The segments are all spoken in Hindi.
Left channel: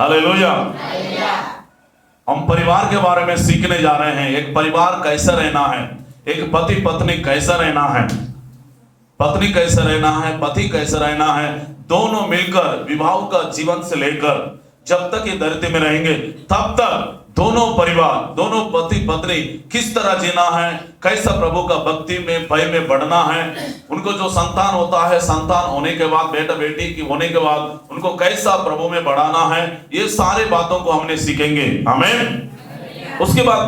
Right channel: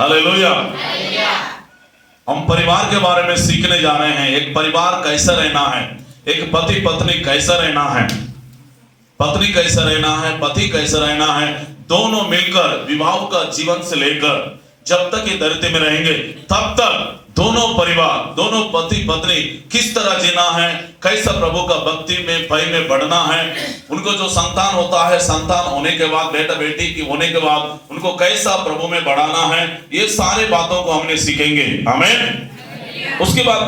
हालेलुया। हम परिवार के बारे में सीखने जा रहे हैं। एक परिवार कैसा रहना है, एक पति पत्नी कैसा रहना है, पत्नी कैसा रहना है, पति कैसा रहना है, दोनों मिलकर विवाह का जीवन से लेकर जब तक ये धरती में रहेंगे तब तक दोनों परिवार, दोनों पति पत्नी किस तरह जीना है, कैसा प्रभु का भक्ति में भय में बढ़ना है, उनको जो संतान होता है, संतान होने के बाद बेटा बेटी की होने के बाद उनको कैसा प्रभु में बढ़ाना है, ये सारे बातों को हमने सीखेंगे। आमीन। उसके बाद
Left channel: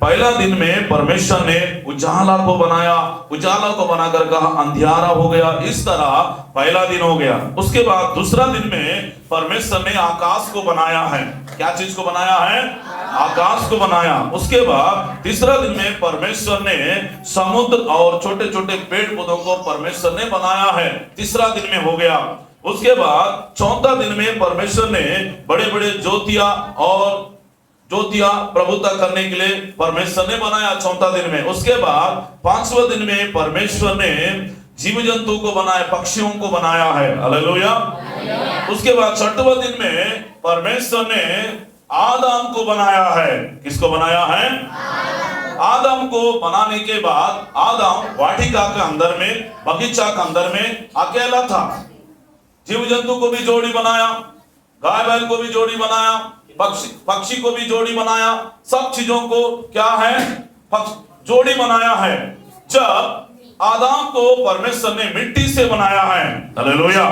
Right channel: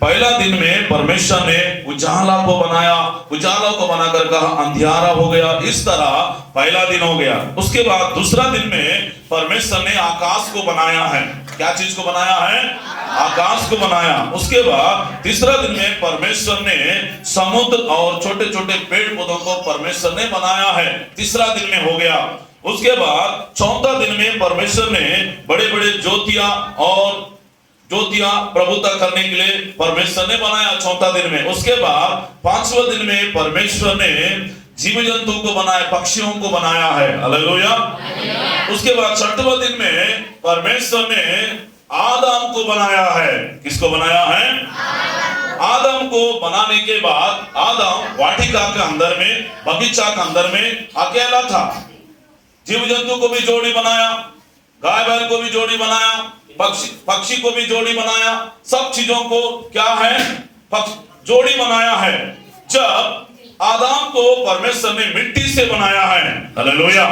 पहला दिन में परमेश्वर ने उजाला को बनाया, उजाला को बनाकर कहा अंधियारा हो गया। इस तरह पहला दिन हो गया। उसके बाद दूसरा दिन में परमेश्वर ने आकाश को बनाया है। क्या चीज को बनाया है? आकाश को बनाया। उसके बाद तीसरा दिन में परमेश्वर ने समुद्र और छोटे छोटे पेड़ पौधों को परमेश्वर ने बनाया है। तीसरा दिन में हो गया। उसके बाद चौथा दिन में परमेश्वर ने बड़े बड़े ज्योतियां प्रभुता करने के लिए परमेश्वर ने बनाया चौथा दिन में। उसके बाद पांचवा दिन में परमेश्वर ने जीव जंतु को बनाया, पक्षियों को बनाया है। हालेलुया। उसके बाद छठवां दिन में परमेश्वर ने आदम को बनाया है। किसको बनाया है? आदम को बनाने के बाद आदम वाटिका के अंदर में, बगीचा के अंदर में अकेला था। जीव जंतु को भी जोड़ी बनाया, गाय बैल को भी जोड़ी बनाया, पक्षी को भी जोड़ी बनाया, सब चीजों को क्या है? जोड़ी बनाया है। जब आदम को परमेश्वर ने मिट्टी से बनाया है, हालेलुया,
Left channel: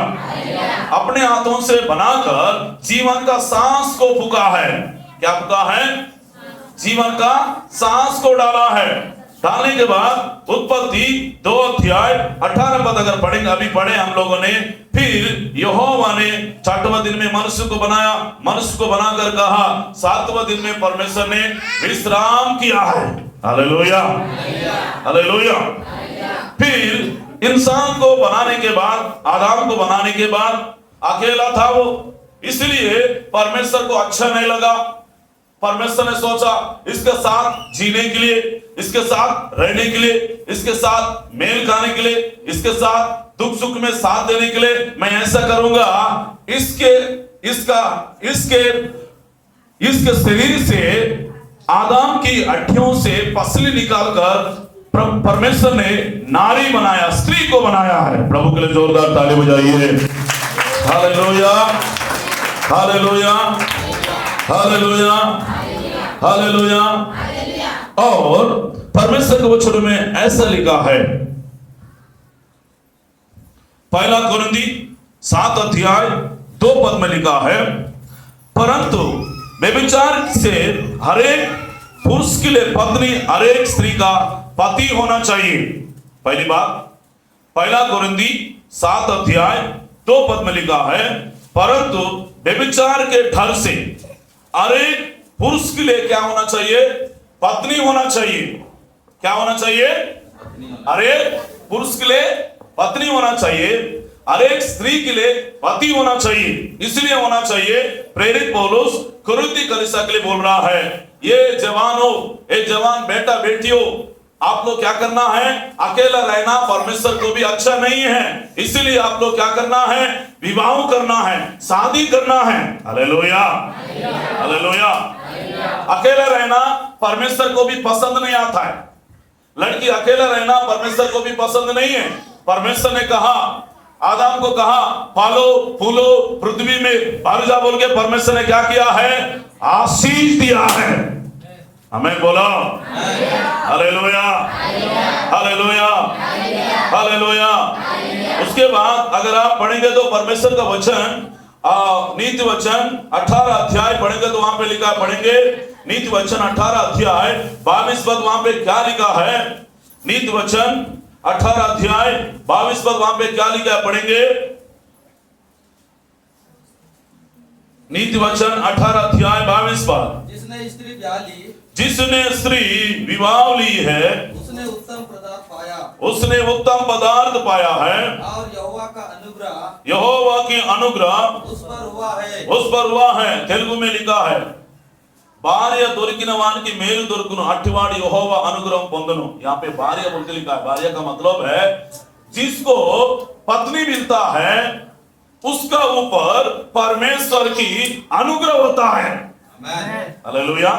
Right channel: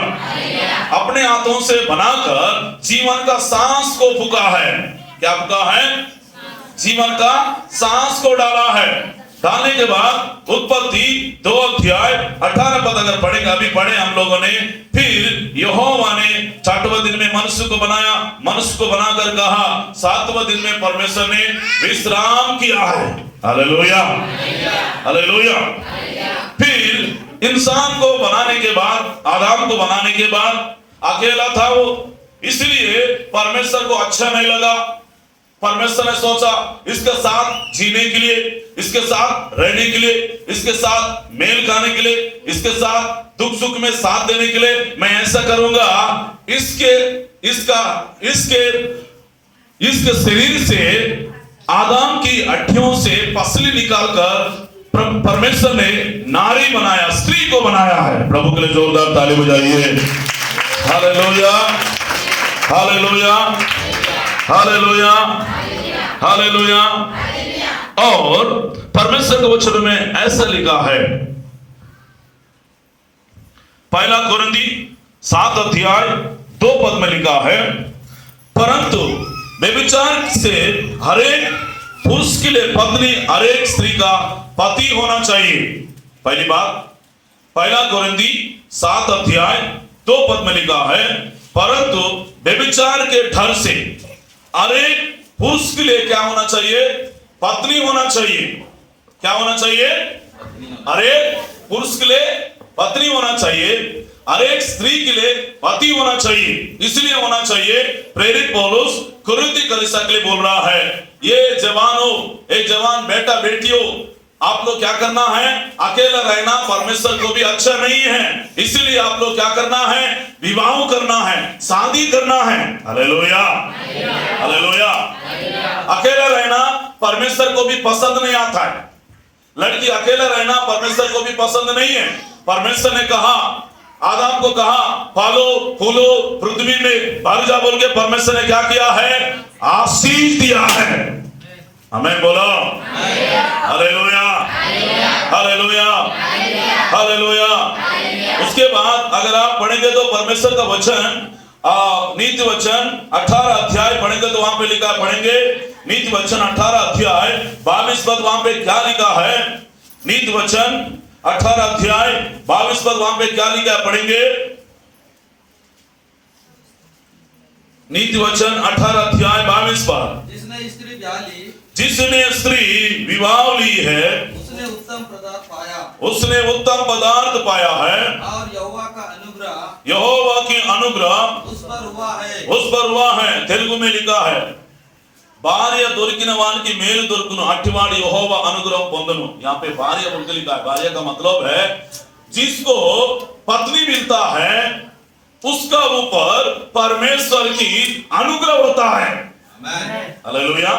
अपने हाथों से बनाकर जीवन का सांस को फूका है। क्या फूका है? जीवन का सांस को डाला है। डालने के बाद उत्पत्ति 2 अध्याय 18 पद अगर पढ़ेंगे, अभी पढ़े हम लोगों ने। फिर यहोवा ने 6वें दिन में मनुष्य को बनाया, मनुष्य को बनाकर कहा 7वें दिन में परमेश्वर ने विश्राम किया है। Hallelujah, hallelujah. फिर इंसान को बनाने के बाद, आदम को बनाने के बाद अकेला था वो, इसलिए परमेश्वर को अच्छा नहीं लगा। परमेश्वर ने सोचा इसके साथ जीने के लिए, इसके साथ रहने के लिए, इसके साथ मेल खाने के लिए, इसके साथ दुख सुख में साथ देने के लिए मैं ऐसा करूंगा, इसके शरीर से आदम की हड्डियों से पसली निकालकर परमेश्वर ने नारी बनाया, स्त्री को बनाया है। प्रभु के लिए जोरदार ताली बजाइए। Hallelujah, hallelujah, hallelujah, hallelujah. और परमेश्वर के वचन में ऐसा लिखा है, पहला कुरिन्थी 7 अध्याय 2 पद में लिखा है, परंतु व्यभिचार से हरेक पुरुष के लिए पत्नी हरेक स्त्री का पति होना चाहिए। पहली बात, पहला कुरिन्थी 7 अध्याय 2 पद में लिखा है, परंतु व्यभिचार के डर से हरेक पुरुष के लिए क्या होना चाहिए? पत्नी होना चाहिए। क्या होना चाहिए? हरेक पुरुष के लिए पत्नी होना चाहिए, हरेक स्त्री के लिए पति होना चाहिए। इसलिए होना चाहिए, प्रेरित पौलुस कुरिन्थी कलीसिया के लिए बोल रहा है, ये जवानों, ये जवान बेटा बेटियों, आप लोग क्या करना है? अकेला रहना परमेश्वर को भी अच्छा नहीं है। इसलिए आप लोग क्या करना है? विवाह करना है, शादी करना है। Hallelujah, hallelujah. अकेला रहना परमेश्वर को भी पसंद नहीं आता है। लड़की अकेला रहना परमेश्वर को भी पसंद नहीं है। परमेश्वर ने कहा, आदम को कहा फलो फूलो पृथ्वी में भर जा बोल के परमेश्वर ने क्या किया है? आशीष दिया है। हमें बोलो हालेलुया, हालेलुया, हालेलुया। उसके बाद अगर आप पढ़ेंगे तो परमेश्वर का वचन, नीति वचन 18 अध्याय पढ़ेंगे तो वहां पे लिखा, पढ़ेंगे नीति वचन 18 अध्याय 22 पद, वहां पे क्या लिखा है? नीति वचन 18 अध्याय 22 पद, वहां पे क्या लिखा है? पढ़ेंगे नीति वचन 18 अध्याय 22 पद। जिसने स्त्री विवाह ली है उसने उत्तम पदार्थ पाया, उसने उत्तम पदार्थ पाया है, और यहोवा का अनुग्रह, यहोवा की अनुग्रह उस पर हुआ है, उस पर हुआ है। तेलुगु में लिखा है, భార్య దొరికిన వానికి మేలు దొరుకును, అట్టివాడు యెహోవా అనుగ్రహం పొందును। यहाँ पे भार्य बोल के लिखा है। भार्य का मतलब है जिसको पत्नी मिलता है उसका ऊपर परमेश्वर की अनुग्रह होता है। आमेन। हालेलुया।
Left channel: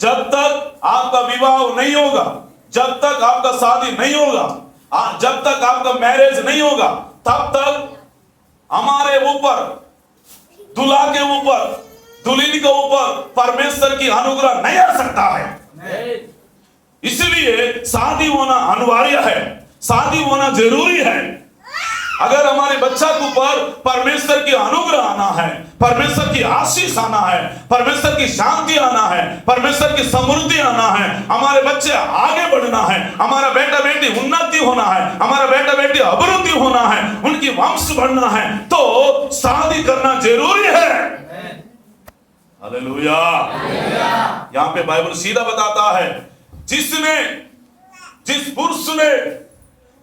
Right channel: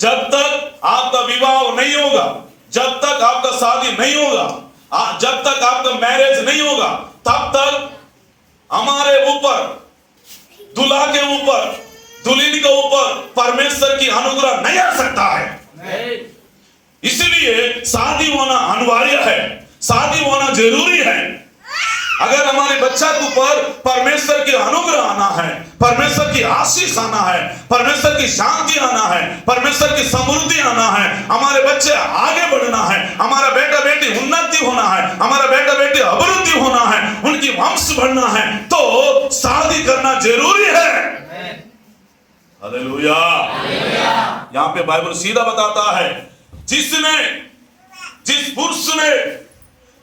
जब तक आपका विवाह नहीं होगा, जब तक आपका शादी नहीं होगा, जब तक आपका मैरिज नहीं होगा, तब तक हमारे ऊपर, दूल्हा के ऊपर, दुल्हन के ऊपर परमेश्वर की अनुग्रह नहीं आ सकता है। इसलिए शादी होना अनिवार्य है, शादी होना जरूरी है। अगर हमारे बच्चा के ऊपर परमेश्वर की अनुग्रह आना है, परमेश्वर की आशीष आना है, परमेश्वर की शांति आना है, परमेश्वर की समृद्धि आना है, हमारे बच्चे आगे बढ़ना है, हमारा बेटा बेटी उन्नति होना है, हमारा बेटा बेटी अभिवृद्धि होना है, उनकी वंश बढ़ना है, तो शादी करना जरूरी है। हालेलुया। यहाँ पे बाइबल सीधा बताता है, जिसने, जिस पुरुष ने,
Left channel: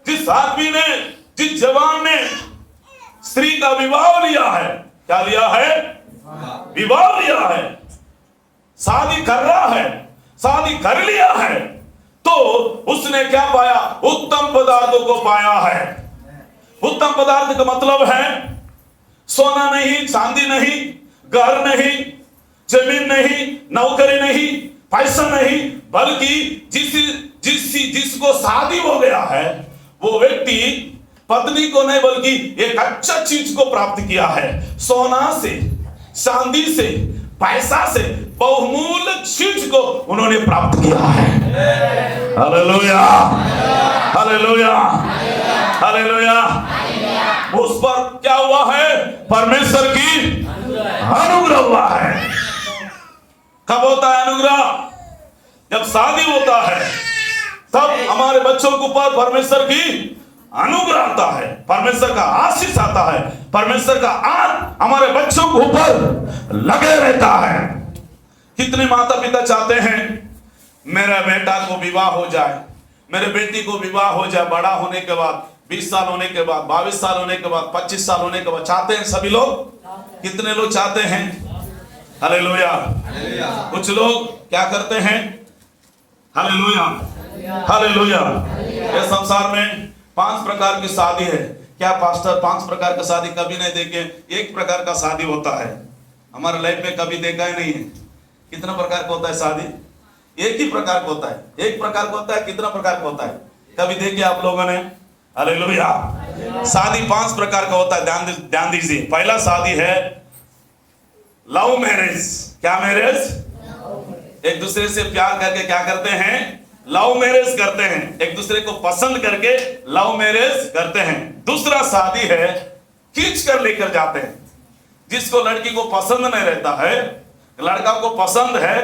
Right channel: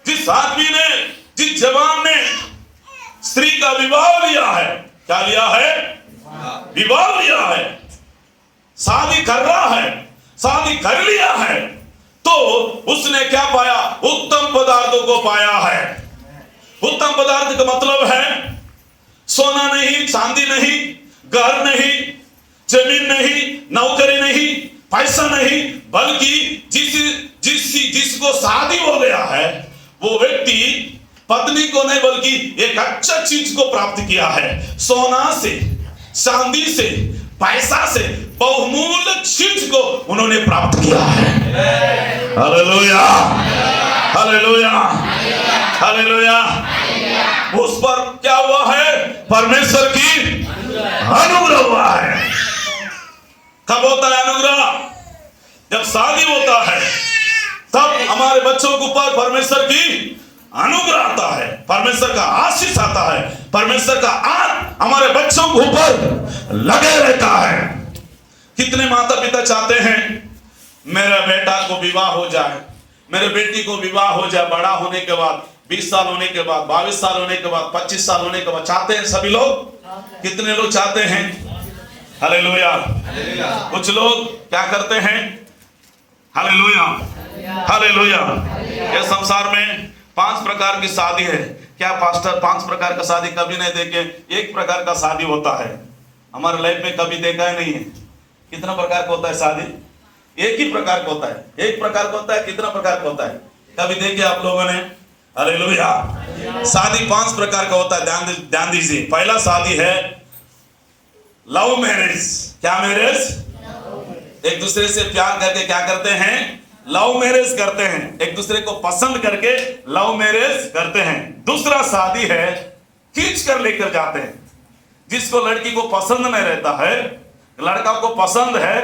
जिस आदमी ने, जिस जवान ने स्त्री का विवाह लिया है, क्या लिया है? विवाह लिया है, शादी कर रहा है, शादी कर लिया है, तो उसने क्या पाया? उत्तम पदार्थों को पाया है। उत्तम पदार्थ का मतलब है सोना नहीं, चांदी नहीं, घर नहीं, जमीन नहीं, नौकरी नहीं, पैसा नहीं, बल्कि जिसको शादी हो गया है वो व्यक्ति पत्नी को नहीं बल्कि एक अच्छा चीज को प्राप्त किया है। सोना से, चांदी से, पैसा से बहुमूल्य चीज को उन्होंने प्राप्त किया है। Hallelujah, hallelujah, hallelujah. उस पर क्या हुआ है? परमेश्वर की अनुग्रह हुआ है। कब होता है अनुग्रह? जब शादी होता है, तब हमारे बच्चों के ऊपर परमेश्वर की अनुग्रह आता है, परमेश्वर का आशीष आता है, परमेश्वर का हमारे बच्चों के ऊपर लगे रहता है। कितने माता पिता चाहते हैं मेरा बेटा को विवाह हो जाए, मेरे बेटी को विवाह हो जाए, बड़ा होने के बाद 20 साल होने के बाद, 22 साल होने के बाद, 25 साल होने के बाद। चाहते हैं सभी लोग? कितने लोग चाहते हैं? हालेलुया। कुछ लोग क्या करते हैं? Hallelujah, hallelujah. इस संसार में 5 प्रकार की शादी है। क्या पास्टर 5 प्रकार का शादी कभी नहीं देखे? एक प्रकार का शादी होता है। हमारे लाइफ में कभी देखा ही नहीं है। कितना प्रकार का होता है शादी? एक ही प्रकार का होता है। एक प्रकार का होता है, कितना प्रकार का होता है? कभी देखे आप लोगों ने? हालेलुया। शादी 5 प्रकार का होता है। ध्यान दीजिए। पहला शादी है लव मैरिज। क्या मैरिज? एक दूसरे से प्यार करके क्या करते हैं? लव मैरिज करते हैं। एक दूसरे को पसंद करके लव मैरिज करते हैं। दूसरा शादी है खींच कर लेकर जाते हैं। जिसको लड़की को पसंद नहीं रहता है, लड़का को पसंद है,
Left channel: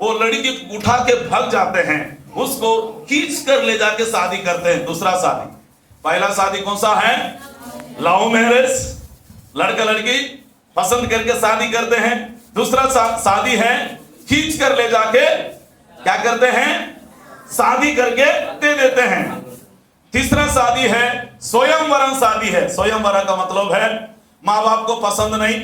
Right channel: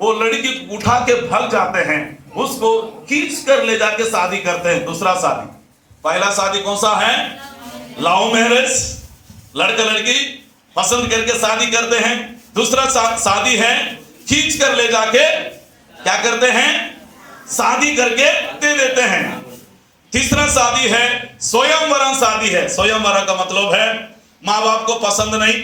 वो लड़की को उठा के भाग जाते हैं, उसको खींच कर ले जाके शादी करते हैं। दूसरा शादी। पहला शादी कौन सा है? लव मैरिज, लड़का लड़की पसंद करके शादी करते हैं। दूसरा शादी है खींच कर ले जाके क्या करते हैं? शादी करके दे देते हैं। तीसरा शादी है स्वयंवरण शादी है। स्वयंवरण का मतलब है माँ बाप को पसंद नहीं,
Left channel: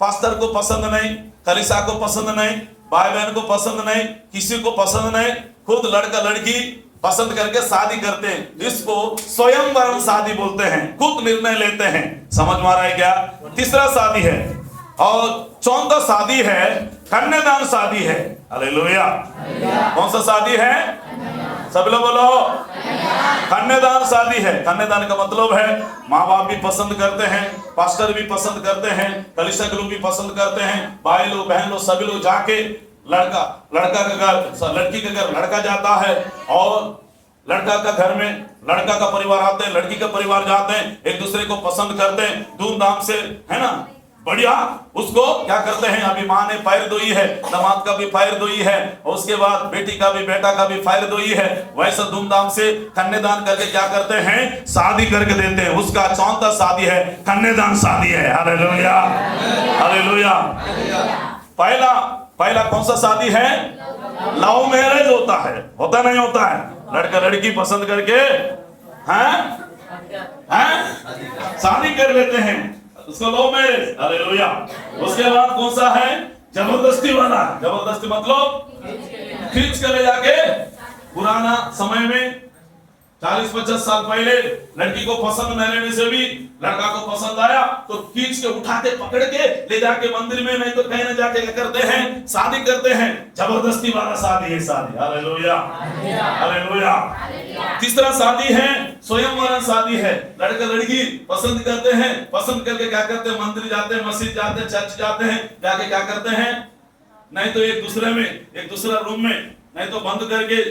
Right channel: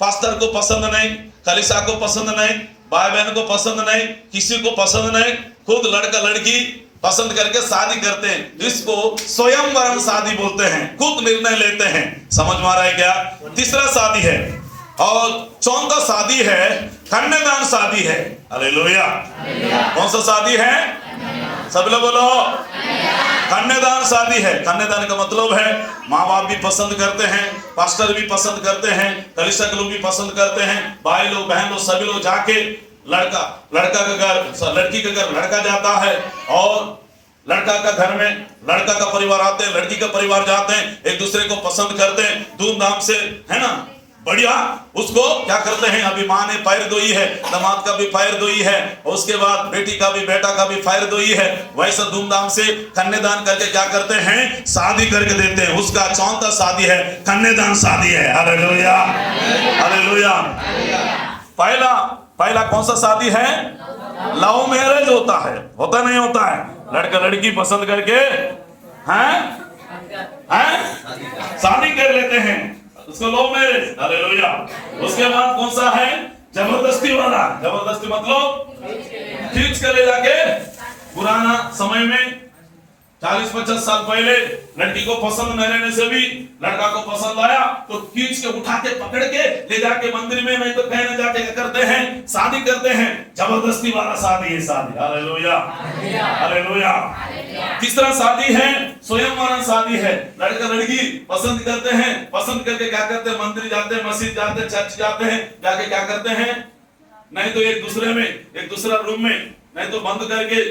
पास्टर को पसंद नहीं, कलीसिया को पसंद नहीं, भाई बहन को पसंद नहीं, किसी को पसंद नहीं, खुद लड़का लड़की पसंद करके शादी करते हैं। इसको स्वयंवरण शादी बोलते हैं। खुद निर्णय लेते हैं। समझ में आ रहा है क्या? तीसरा शादी है। और चौथा शादी है कन्यादान शादी है। हालेलुया। कौन सा शादी है? सब लोग बोलो। कन्यादान शादी है। कन्यादान का मतलब है माँ बाप भी पसंद करते हैं, पास्टर भी पसंद करते हैं, कलीसिया के लोग भी पसंद करते हैं, भाई लोग बहन लोग सभी लोग जाके लड़का का घर, लड़की के घर लड़का जाता है, और लड़का का घर में लड़का का परिवार आते हैं, लड़की का परिवार जाते हैं, एक दूसरे को पसंद करते हैं धूमधाम से, है ना? बढ़िया। उसको क्या करते हैं? अभी माँ ने पैर धोई है, दामाद का भी पैर धोई है, और उसके बाद बेटी का भी, बेटा का भी पैर धोई है। वैसा धूमधाम से कन्यादान करके क्या करते हैं? शादी करके देते हैं। उसका चौथा शादी है कन्यादान शादी है। Hallelujah, hallelujah. पहला कौन सा शादी है? लव मैरिज होता है। होता नहीं होता है? लड़का लड़की पसंद करके शादी कर लेते हैं, उसको लव मैरिज। हालेलुया। उसके बाद कौन सा है? जबरदस्ती वाला। जबरदस्ती मतलब खींच के ले जाके। पुराना समय में 40-50 साल पहले लड़की को पसंद न रहने से भी लड़का को पसंद आया तो खींच के उठा के पकड़ के ले जाके मंदिर में, नहीं तो कहने जाके क्या करते हैं, शादी करते हैं। जबरदस्ती वाला शादी है, शादी। Hallelujah, hallelujah. तीसरा शादी है स्वयंवरण शादी है। लड़का लड़की पसंद करते हैं, पसंद करके क्या करते हैं, मंदिर जाते हैं, मस्जिद जाते हैं, चर्च जाते हैं, जाके क्या करते हैं, नहीं तो एक दूसरे में, एक दूसरा रूम में, नहीं तो बंद करके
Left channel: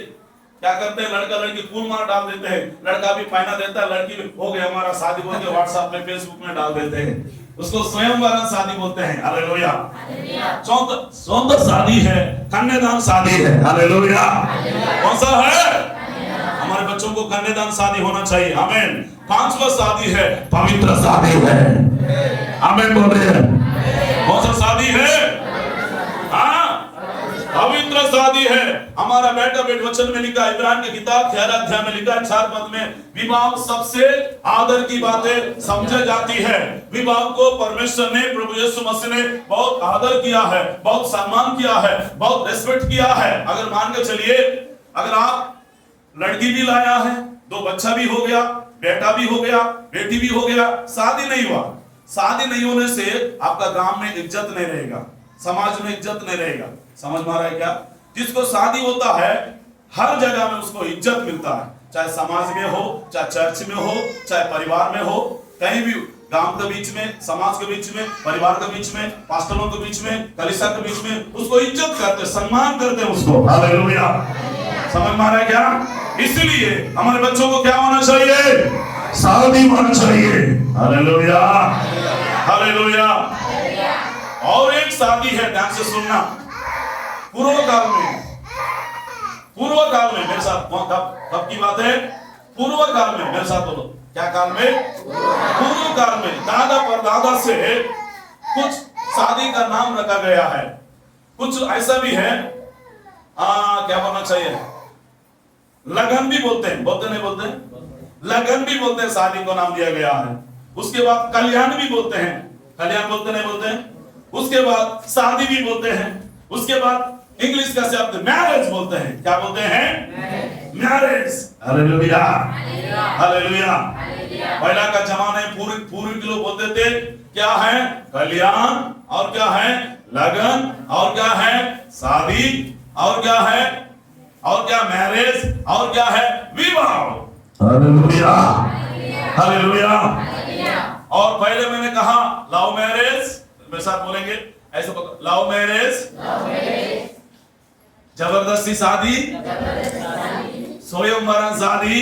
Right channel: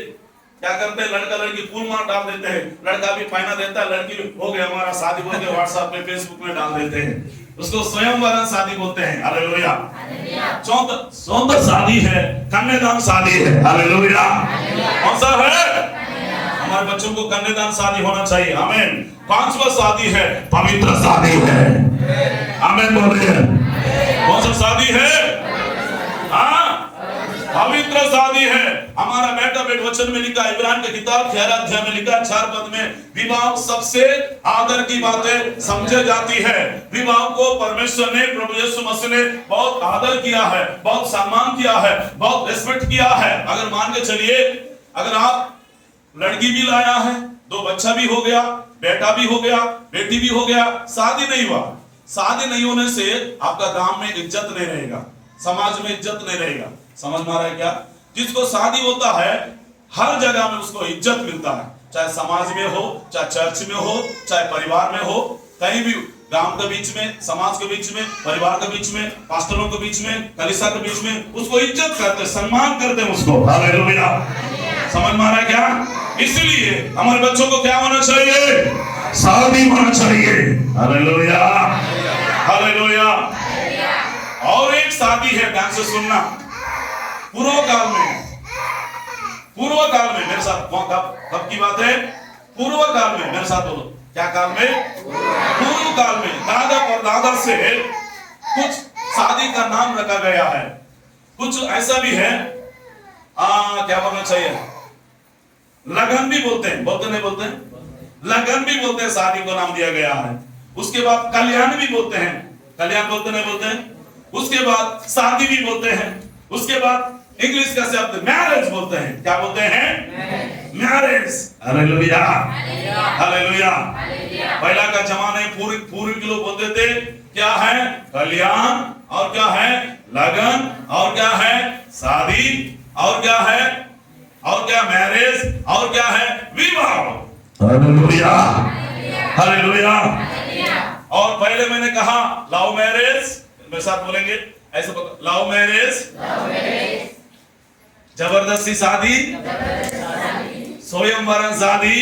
क्या करते हैं, लड़का लड़की फूल मार डाल देते हैं। लड़का भी पहना देता है, लड़की भी हो गया हमारा शादी बोल के व्हाट्सएप में, फेसबुक में डाल देते हैं। उसको स्वयंवरण शादी बोलते हैं। हालेलुया। सौंदर्य शादी है, कन्यादान शादी है। हालेलुया। कौन सा है? हमारे बच्चों को कन्यादान शादी होना चाहिए। आमीन। 5वां शादी है पवित्र शादी है। आमीन बोलिए। कौन सा शादी है? पवित्र शादी है। हमारा बेटा बेट वचन में लिखा है, इब्रान की किताब 11 अध्याय में लिखा है 4 पद में, विवाह सबसे आदर की बातें समझे जाती है। विवाह को परमेश्वर ने, प्रभु यीशु मसीह ने बहुत आदर किया है, बहुत सम्मान किया है, बहुत रिस्पेक्ट किया है। अगर मान के चलिए, अगर आप लड़की भी लाया है, 2 बच्चा भी हो गया, बेटा भी हो गया, बेटी भी हो गया, शादी नहीं हुआ, शादी नहीं होने से आपका गांव में इज्जत नहीं रहेगा, समाज में इज्जत नहीं रहेगा। समझ में आ रहा है क्या? जिसको शादी होता है हर जगह में उसको इज्जत मिलता है, चाहे समाज में हो, चाहे चर्च में हो, चाहे परिवार में हो, कहीं भी, गांव के बीच में, समाज के बीच में, परिवार के बीच में, पास्टरों के बीच में, कलीसिया के बीच में, उसको इज्जत करते, सम्मान करते हैं उसको। हालेलुया। समझ में आ रहा है क्या? इसलिए हमारे बच्चों को क्या होना चाहिए? शादी होना चाहिए। Hallelujah, hallelujah. और एक शादी है, ध्यान से सुनना, पूर्व काल में मेरे साथ, कब की बात है? पूर्व काल में, मेरे साथ बोलो, क्या काल में? पूर्व काल में दादा परदादा से कुछ शादी का नाम रखा गया है। कुछ ऐसा भी है, क्या बोलना चाहिए, लगन भी बोलते हैं, बोलते नहीं बोलते हैं? लगन भी बोलते हैं, शादी को नाम दिया गया है। उसके बाद कल्याण भी बोलते हैं, कल्याण बोलते नहीं बोलते हैं? उसके बाद शादी भी बोलते हैं। उसके बाद इंग्लिश का शब्द मैरिज बोलते हैं। क्या बोलते हैं? मैरिज। Hallelujah, hallelujah. पहला का जमाने पूर्व के लोग बोलते थे, क्या है? कल्याण, और क्या है? लगन, और क्या है? शादी, और क्या है? और क्या? मैरिज, और क्या है? विवाह। Hallelujah, hallelujah. और पहले मैंने कहा लव मैरिज, मेरे साथ बोलेंगे ऐसे, लव मैरिज, जबरदस्ती शादी, स्वयंवरण शादी,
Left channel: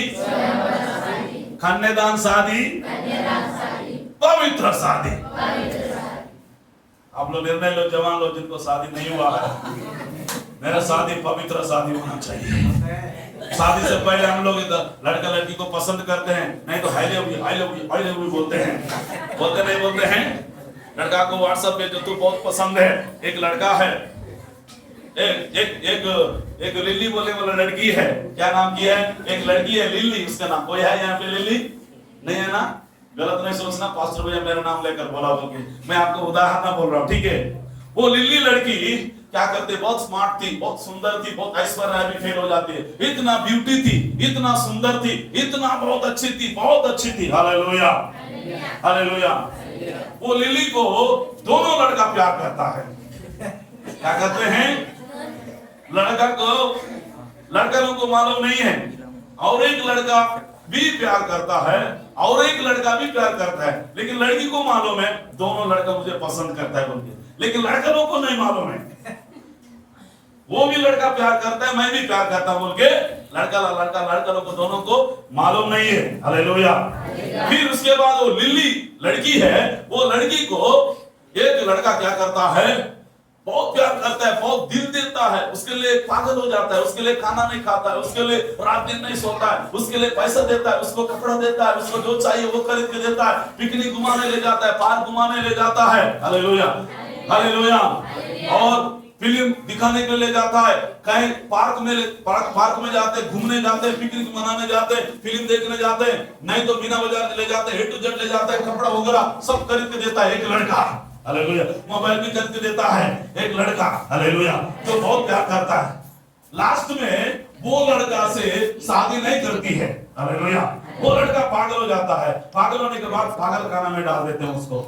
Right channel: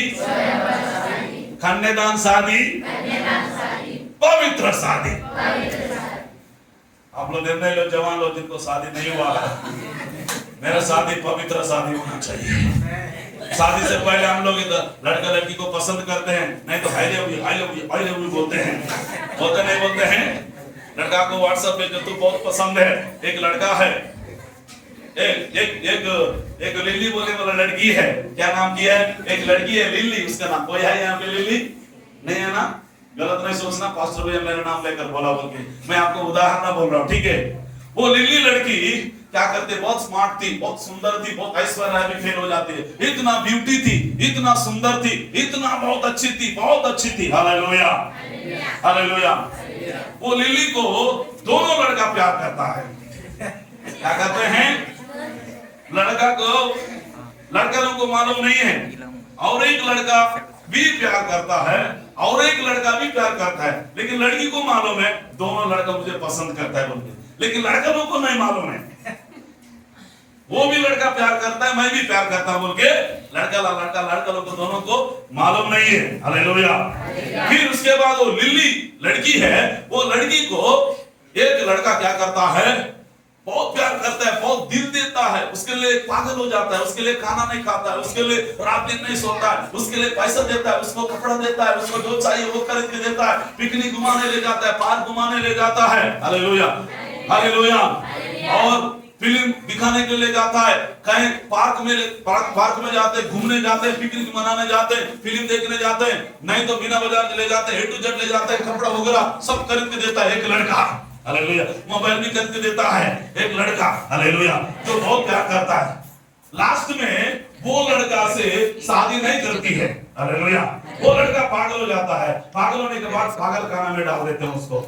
कन्यादान शादी, पवित्र शादी। आप लोग निर्णय लो, जवान लोग जिनको शादी नहीं हुआ है, मेरा शादी पवित्र शादी होना चाहिए। शादी से पहले हम लोग लड़का लड़की को पसंद करते हैं, नहीं तो I love you, I love you, I love you बोलते हैं, बोलते नहीं बोलते हैं? लड़का को व्हाट्सएप पे जो तू बहुत पसंद है, एक लड़का है, एक लिली बोले वाला लड़की है, क्या नाम की है? एक लड़की है लिली, उसका नाम, कोई है यहाँ पे लिली? नहीं है ना? गलत नहीं सोचना, पास्टर भैया मेरा नाम लेकर बोला बोल के, मैं आपको उदाहरण ना बोल रहा हूँ, ठीक है? वो लिली लड़की क्या करते, बहुत स्मार्ट थी, बहुत सुंदर थी, बहुत ऐश्वर्य राय भी फेल हो जाती है, इतना ब्यूटी थी, इतना सुंदर थी, इतना बहुत अच्छी थी, बहुत अच्छी थी। Hallelujah, hallelujah. वो लिली को दोनों लड़का प्यार करता है। क्या कहते हैं? लड़का लोग को मालूम नहीं है, और एक लड़का भी प्यार करता है, और एक लड़का भी प्यार करता है, लेकिन लड़की को मालूम है दोनों लड़का मुझे पसंद करता है बोल के, लेकिन लड़का लोग को नहीं मालूम है। वो भी लड़का प्यार करता है, मैं भी प्यार करता हूं बोल के, लड़का लोग को दोनों को मालूम नहीं है। हालेलुया। फिर उसके बाद वो लिली लड़की है, वो लड़की को एक लड़का क्या करता है, बहुत प्यार करता है, बहुत दिल देता है, उसके लिए पागल हो जाता है, उसके लिए खाना नहीं खाता है, उसके लिए रात दिन नहीं सोता है, उसके लिए पैसा देता है, उसको कपड़ा देता है, उसको जो चाहिए वो खरीद के देता है, पिकनिक घुमाने ले जाता है, पार्क घुमाने ले जाता है। Hallelujah, hallelujah. और फिल्म दिखाने के लिए ले जाता है, कहीं पार्क में जाते हैं, घूमने जाते हैं, पिकनिक मनाने जाते हैं, फिल्म देखने जाते हैं, नहीं तो बिना बाजार ले जाते हैं, A to Z ले जाते हैं, कपड़ा वगैरह सब खरीद के देता है एक लड़का। हालेलुया। मोबाइल भी खरीद के देता है एक लड़का। हालेलुया। जो बहुत प्यार करता है। लास्ट में वो लड़का से शादी नहीं करती है। हालेलुया। वो लड़का पागल हो जाता है, पागल होने के बाद पागल खाना में डाल देते हैं उसको।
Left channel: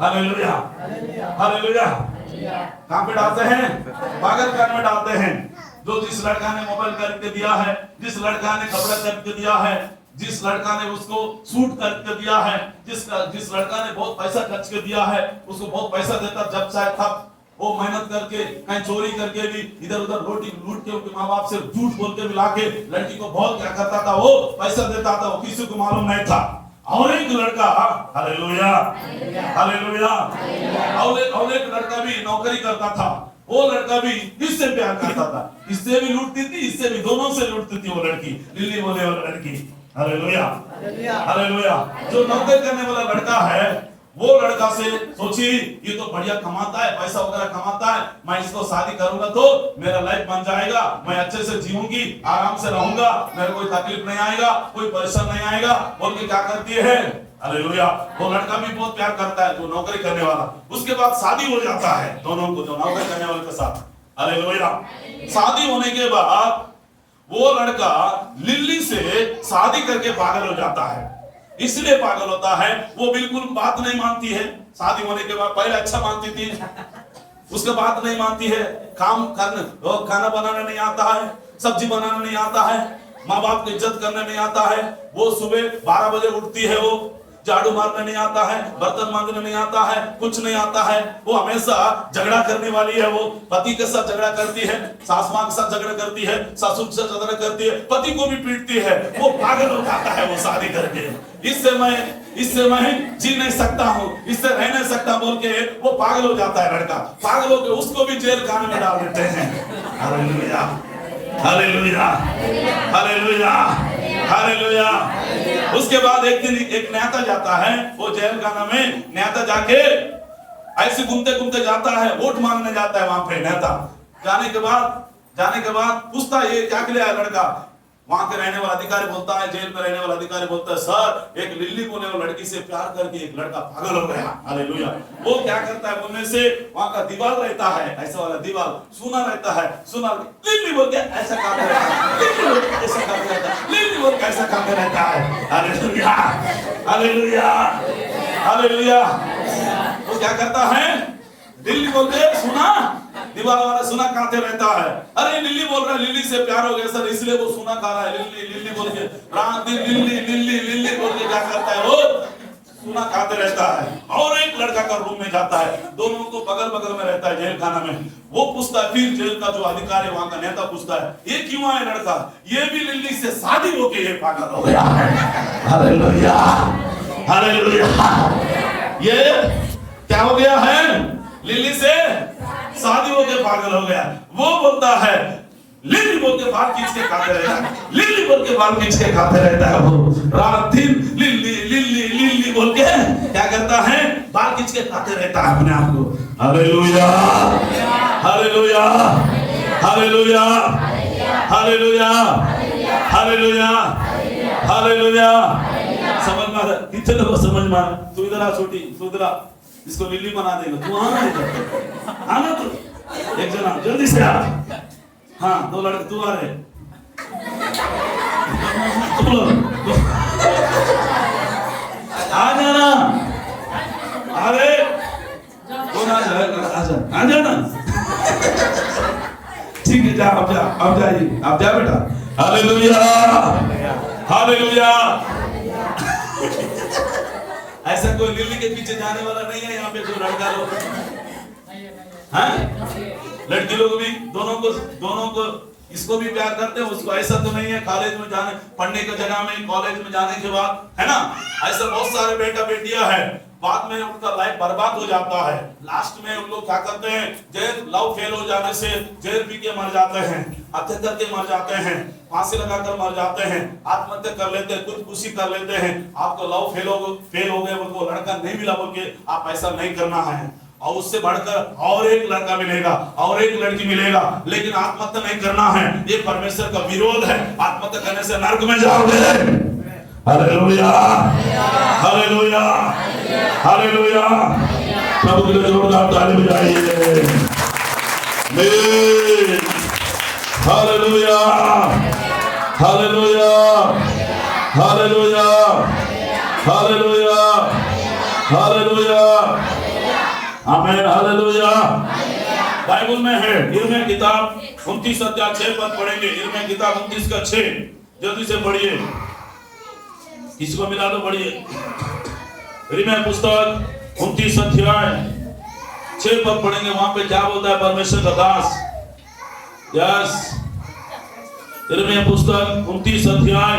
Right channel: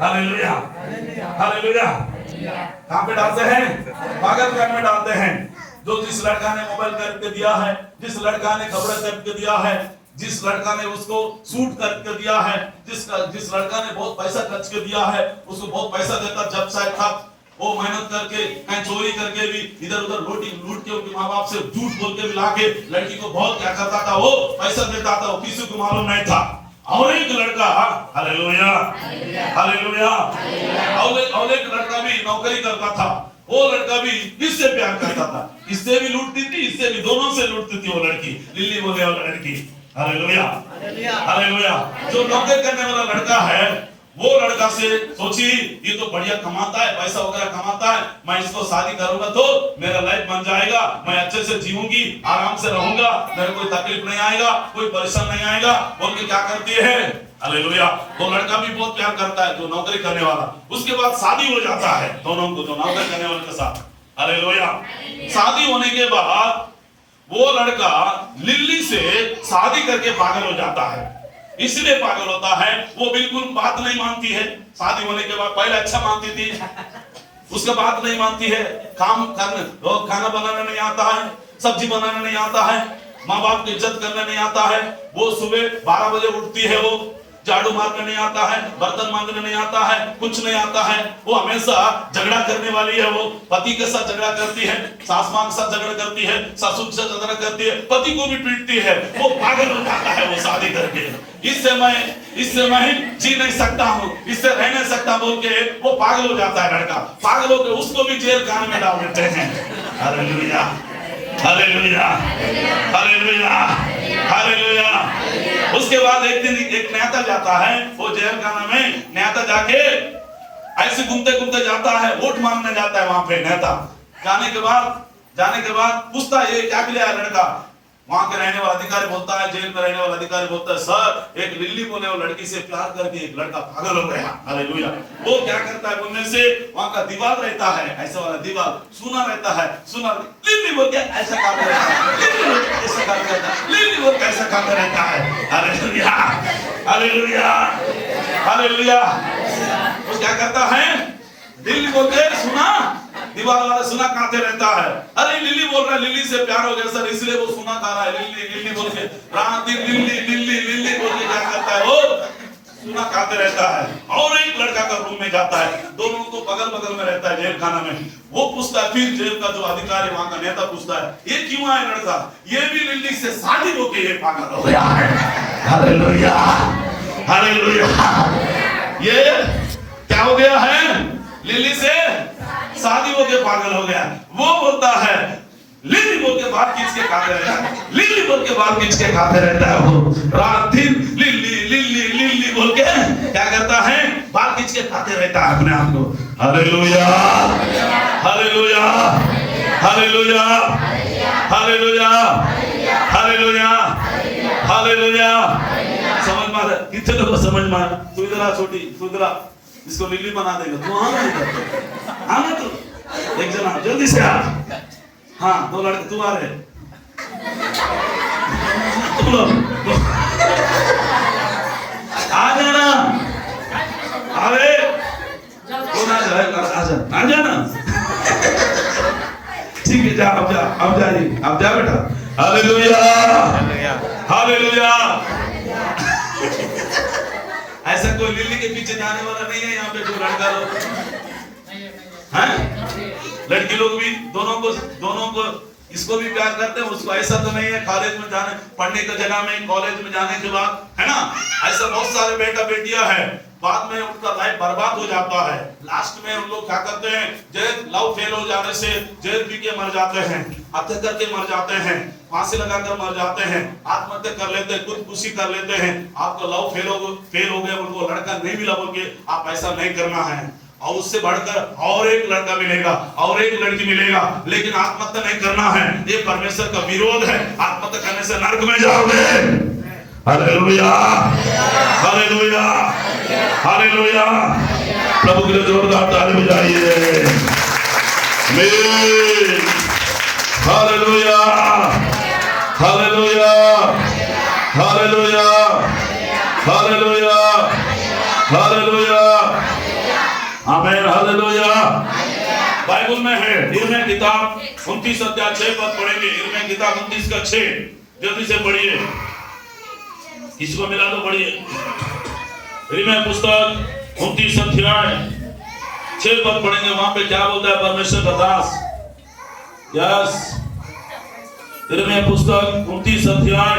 Hallelujah, hallelujah. कहाँ पे डालते हैं? पागल खाने में डालते हैं। जो जिस लड़का ने मोबाइल करके दिया है, जिस लड़का ने कपड़ा करके दिया है, जिस लड़का ने उसको सूट करके दिया है, जिस लड़का ने बहुत पैसा खर्च के दिया है, उसको बहुत पैसा देता जब शायद था, वो मेहनत करके कहीं चोरी करके भी इधर उधर लूट के उनके माँ बाप से झूठ बोल के भी लाके लड़की को बहुत क्या करता था, वो पैसा देता था, वो किसी को मालूम नहीं था। और एक लड़का, हालेलुया, हालेलुया, और एक लड़का भी नौकरी करता था। वो लड़का भी इससे प्यार करता था, इससे भी लूटती थी, इससे भी, दोनों से लूटती थी वो लड़की, लिल्ली बोले वाला लड़की। Hallelujah, hallelujah. जो नौकरी करने वाला लड़का है, वो लड़का से सोची ये तो बढ़िया कमाता है, पैसा वगैरह कमाता है, मैं इसको शादी करूंगा तो मेरा लाइफ बन जाएगा, मैं अच्छे से जीऊंगी, आराम से रहूंगा, मेरे कोई तकलीफ नहीं आएगा, कोई परेशान नहीं आएगा, बोल के क्या करती है। हालेलुया। तो लड़का भी बहुत प्यार करता है, जो नौकरी करने वाला। उसके बाद शादी हो जाता है दोनों को, जो नौकरी करने वाले के साथ। हालेलुया। शादी होने के बाद वो लड़का लिल्ली से शादी करके पागल हो जाता है। इसलिए पागल होता है, वो बिल्कुल बात नहीं मानती है। शादी होने के बाद पहले अच्छा मानती थी, उसका बात नहीं मानती है, काम करने, खाना बनाना नहीं आता है, सब्जी बनाना नहीं आता है, माँ बाप की इज्जत करना नहीं आता है। वो सुबह 12 बजे उठती है, वो झाड़ू मारने नहीं आता है, बर्तन मांजने नहीं आता है, कुछ नहीं आता है। वो हमेशा झगड़ा करने वाली है, वो पति के साथ झगड़ा करती है, सास मां के साथ झगड़ा करती है, ससुर के साथ झगड़ा करती है, पति को भी पीटती है। वो पागल हो जाता है वो शादी करके, इससे मैं जी नहीं सकता हूँ, इससे रह नहीं सकता बोल के वो पागल हो जाता है लड़का। पागल होकर उसको भी जेल खाने में डाल देते हैं। Hallelujah, hallelujah, hallelujah, hallelujah. उसके बाद एक दिन एक नेता जाता है, वो जेल खाना में नेता जाके ऐसे घूमते घूमते जाता है, वोट मांगने जाता है वहां पे नेता। जाने के बाद पूछता है ये क्या किया है लड़का। वहां के रहने वाला अधिकारी बोलता है, जेल में रहने वाला अधिकारी बोलता है, सर एक लिल्ली बोले वो लड़की से प्यार करके एक लड़का पागल हो गया। हालेलुया। वो क्या करता है, उनमें से वहां का दीवार रहता है, ऐसा वाला दीवार सुना रहता है, सुना लिल्ली बोल के ऐसा करता रहता है, लिल्ली बोल के ऐसा करता रहता है, लिल्ली बोल के ऐसा करता रहता है। Hallelujah, hallelujah, hallelujah. वो क्या करता है, लिल्ली बोल के सुना, दीवार वाला सुना खाते रहता है। अरे लिल्ली बोल रहा है, लिल्ली से प्यार हो गया सर, इसलिए वो सुना खा रहा है। लिल्ली लिल्ली बोल के रात दिन लिल्ली लिल्ली लिल्ली बोल के क्या करता है, वो सुना खाते रहता है। और एक लड़का का रूम में जाता है, दोनों को बगल बगल में रहता है जेल खाना में। वो पूछता है, फिर जेल का जो अधिकारी वहां का नेता पूछता है, ये क्यों आया लड़का, ये भी लिल्ली से शादी होके ये पागल हो गया है। Hallelujah, hallelujah. ये क्या हो गया है, लिल्ली से शादी होके पागल हो गया। वो बोलता है, लिल्ली बोल के बाल खींच के खाते रहता है, लिल्ली बोल के बाल खींच के खाते रहता है। वो रात दिन लिल्ली लिल्ली लिल्ली बोल के क्या करता है, बाल खींच के खाते रहता है अपने आप को। Hallelujah, hallelujah, hallelujah, hallelujah, hallelujah, hallelujah. समझ में कितने लोगों को समझ में, तू इधर आ छोटी, तू इधर आ, इसको लिल्ली बना देगा, तू आना इधर, आना तू एक जना जल्दी से आ। हाँ, 2 लड़के तू आ रहे, तुम लोग आ जाना, अरे कौन आ जाना। ठीक है, जा अब जा जी, अब जा बेटा। Hallelujah, hallelujah. ऐसा कोई लिल्ली के पीछे जाने वाला नहीं है यहाँ पे, जो लड़का लोग हैं, लड़की लोग भी दोनों को इसको भी प्यार करते हैं, उसको। ऐसा तो नहीं है कॉलेज में जाने, पढ़ने की जगह में, कॉलेज में जाने के बाद, है ना, ऐसा बहुत सारे बेटा बेटियां हैं, बाद में उनका लाइफ बर्बाद हो जाता है। लास्ट में उन लोग क्या करते हैं, जेल, लव फेल हो जाने से जेल पी के मर जाते हैं, हत्या करके मर जाते हैं, फांसी लगाकर मर जाते हैं, आत्महत्या कर लेते हैं, खुदकुशी कर लेते हैं। आपका लव फेल हो गया, उनको लड़का नहीं मिला बोल के आप ऐसा नहीं करना है। और उससे बढ़कर और एक लड़का मिलेगा और एक लड़की मिलेगा, लेकिन आत्महत्या नहीं करना है। ये परमेश्वर का विरोध है। आत्महत्या करने से नरक में जाओगे। Hallelujah, hallelujah, hallelujah. प्रभु के लिए जोरदार ताली बजाइए। Hallelujah, hallelujah, hallelujah, hallelujah, hallelujah, आमीन, हालेलुया। बाइबल में है, यिर्मयाह किताब 29 अध्याय 6 पद पढ़ेंगे। यिर्मयाह किताब 29 का 6, जल्दी से पढ़िए, किसी को मिला दो, पढ़िए। यिर्मयाह पुस्तक 29 अध्याय 6 पद पढ़ेंगे। वहां पे क्या बोलता है परमेश्वर का दास? यस, यिर्मयाह पुस्तक 29 अध्याय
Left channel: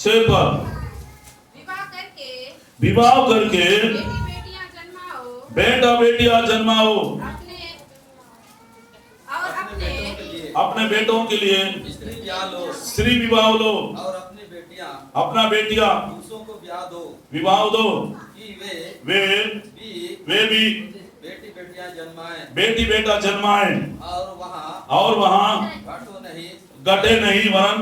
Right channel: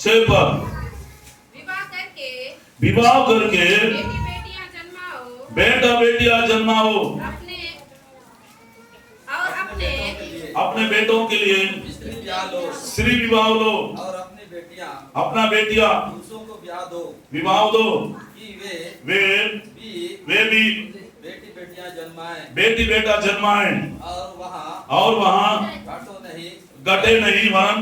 6 पद। विवाह करके बेटा बेटियां जन्माओ, अपने बेटों के लिए स्त्री विवाह लो, और अपनी बेटियां अपना बेटियां पुरुषों को ब्याह दो, विवाह दो कि वे भी बेटी बेटियां जन्माएं, बेटी बेटा जन्माएं, और वहाँ घटे नहीं वरन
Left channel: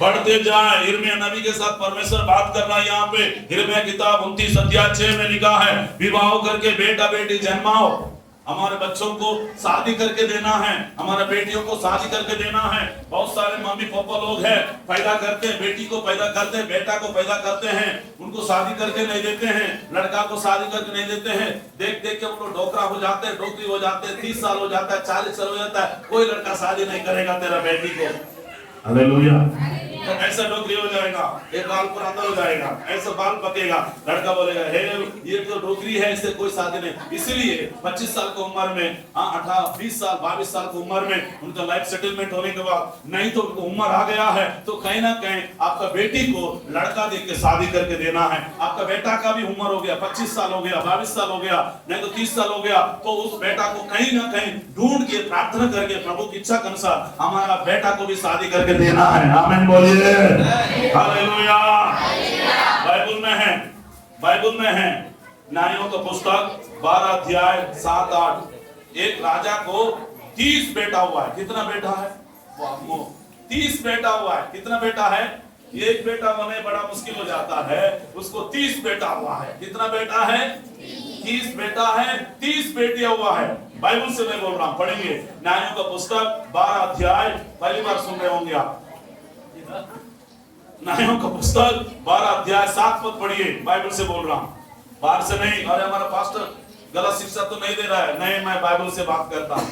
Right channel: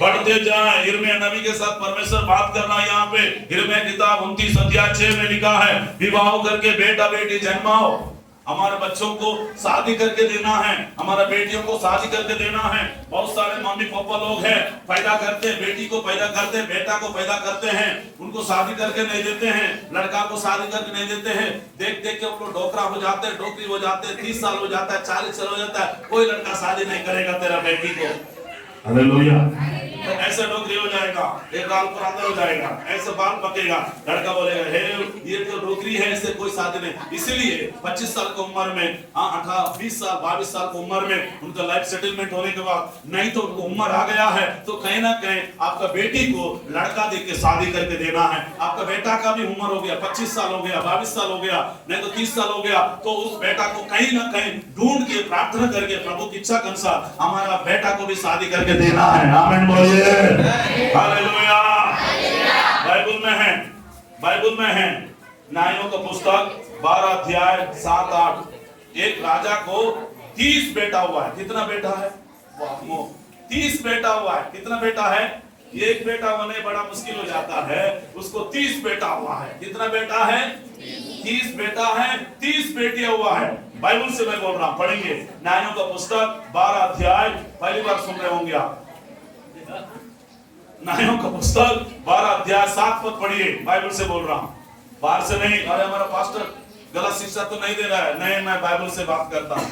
बढ़ते जाए। यिर्मयाह नबी के साथ परमेश्वर बात कर रहा है। यहाँ पे यिर्मयाह किताब 29 अध्याय 6 में लिखा है, विवाह करके बेटा बेटी जन्माओ। हमारे बच्चों को शादी करके देना है, हमारे बेटियों को शादी करके देना है। बहुत सारे मम्मी पापा लोग हैं, पैदा करते हैं, बेटी को पैदा करते हैं, बेटा को पैदा करते हैं, उनको शादी करके नहीं देते हैं, लड़का को शादी करके नहीं देते हैं। देख देख के उनको डोकरा हो जाते हैं, डोकरी हो जाते हैं, 30 साल हो जाता है, 40 साल हो जाता है, कोई लड़का शादी नहीं करेगा तेरा बेटी को। हालेलुया। तो ऐसा नौकरी हो जाएगा, एक गाल पर अंदर हो जाएगा, ऐसा बाल पकेगा, लड़का बोलेगा हे ये तो नौकरी है, इससे कोई शादी नहीं। इसीलिए 25 साल की उम्र में, 18 20 साल 22 साल की उम्र में उनका लाइफ सेटलमेंट होने के बाद, नहीं तो उनको उम्र आ गया है तो कहीं ना कहीं आपका बेटी को लड़का देख के शादी करके देना है। आपका बेटा का भी उम्र हो गया, 25 साल हो गया, 22 साल हो गया, नहीं तो 30 साल हो गया, तो उस बेटा को कहीं ना कहीं ढूंढ के प्रार्थना करके प्रभु की इच्छा के अनुसार हमारा बेटा को भी शादी करके देना है। आमीन बोलिए, हालेलुया। बाइबल में है, बाइबल में है न्यायों का पुस्तक 12 अध्याय 7-8। एक राजा को 30 बेटा हुआ है। कितना बेटा है? 30 बेटा हुआ है। कितना बेटा है? एक बेटा होने बड़ा मुश्किल हो जाता है, उसको 30 बेटा हुआ है। कितना बेटा है? 30 बेटा है, 30 बेटियां हुआ है। बाइबल से मैं बोल रहा हूं, पढ़ेंगे न्यायों का पुस्तक 12 अध्याय, पहली बार सुन रहे होंगे आप। न्यायों का पुस्तक 12 अध्याय 7 पद पढ़िए, बाइबल से बोल रहा हूं, बाहर से नहीं। अरे हमारा पास्टर गलत शिक्षा तो नहीं दे रहा है, नहीं, मैं बाइबल से बात करता हूं।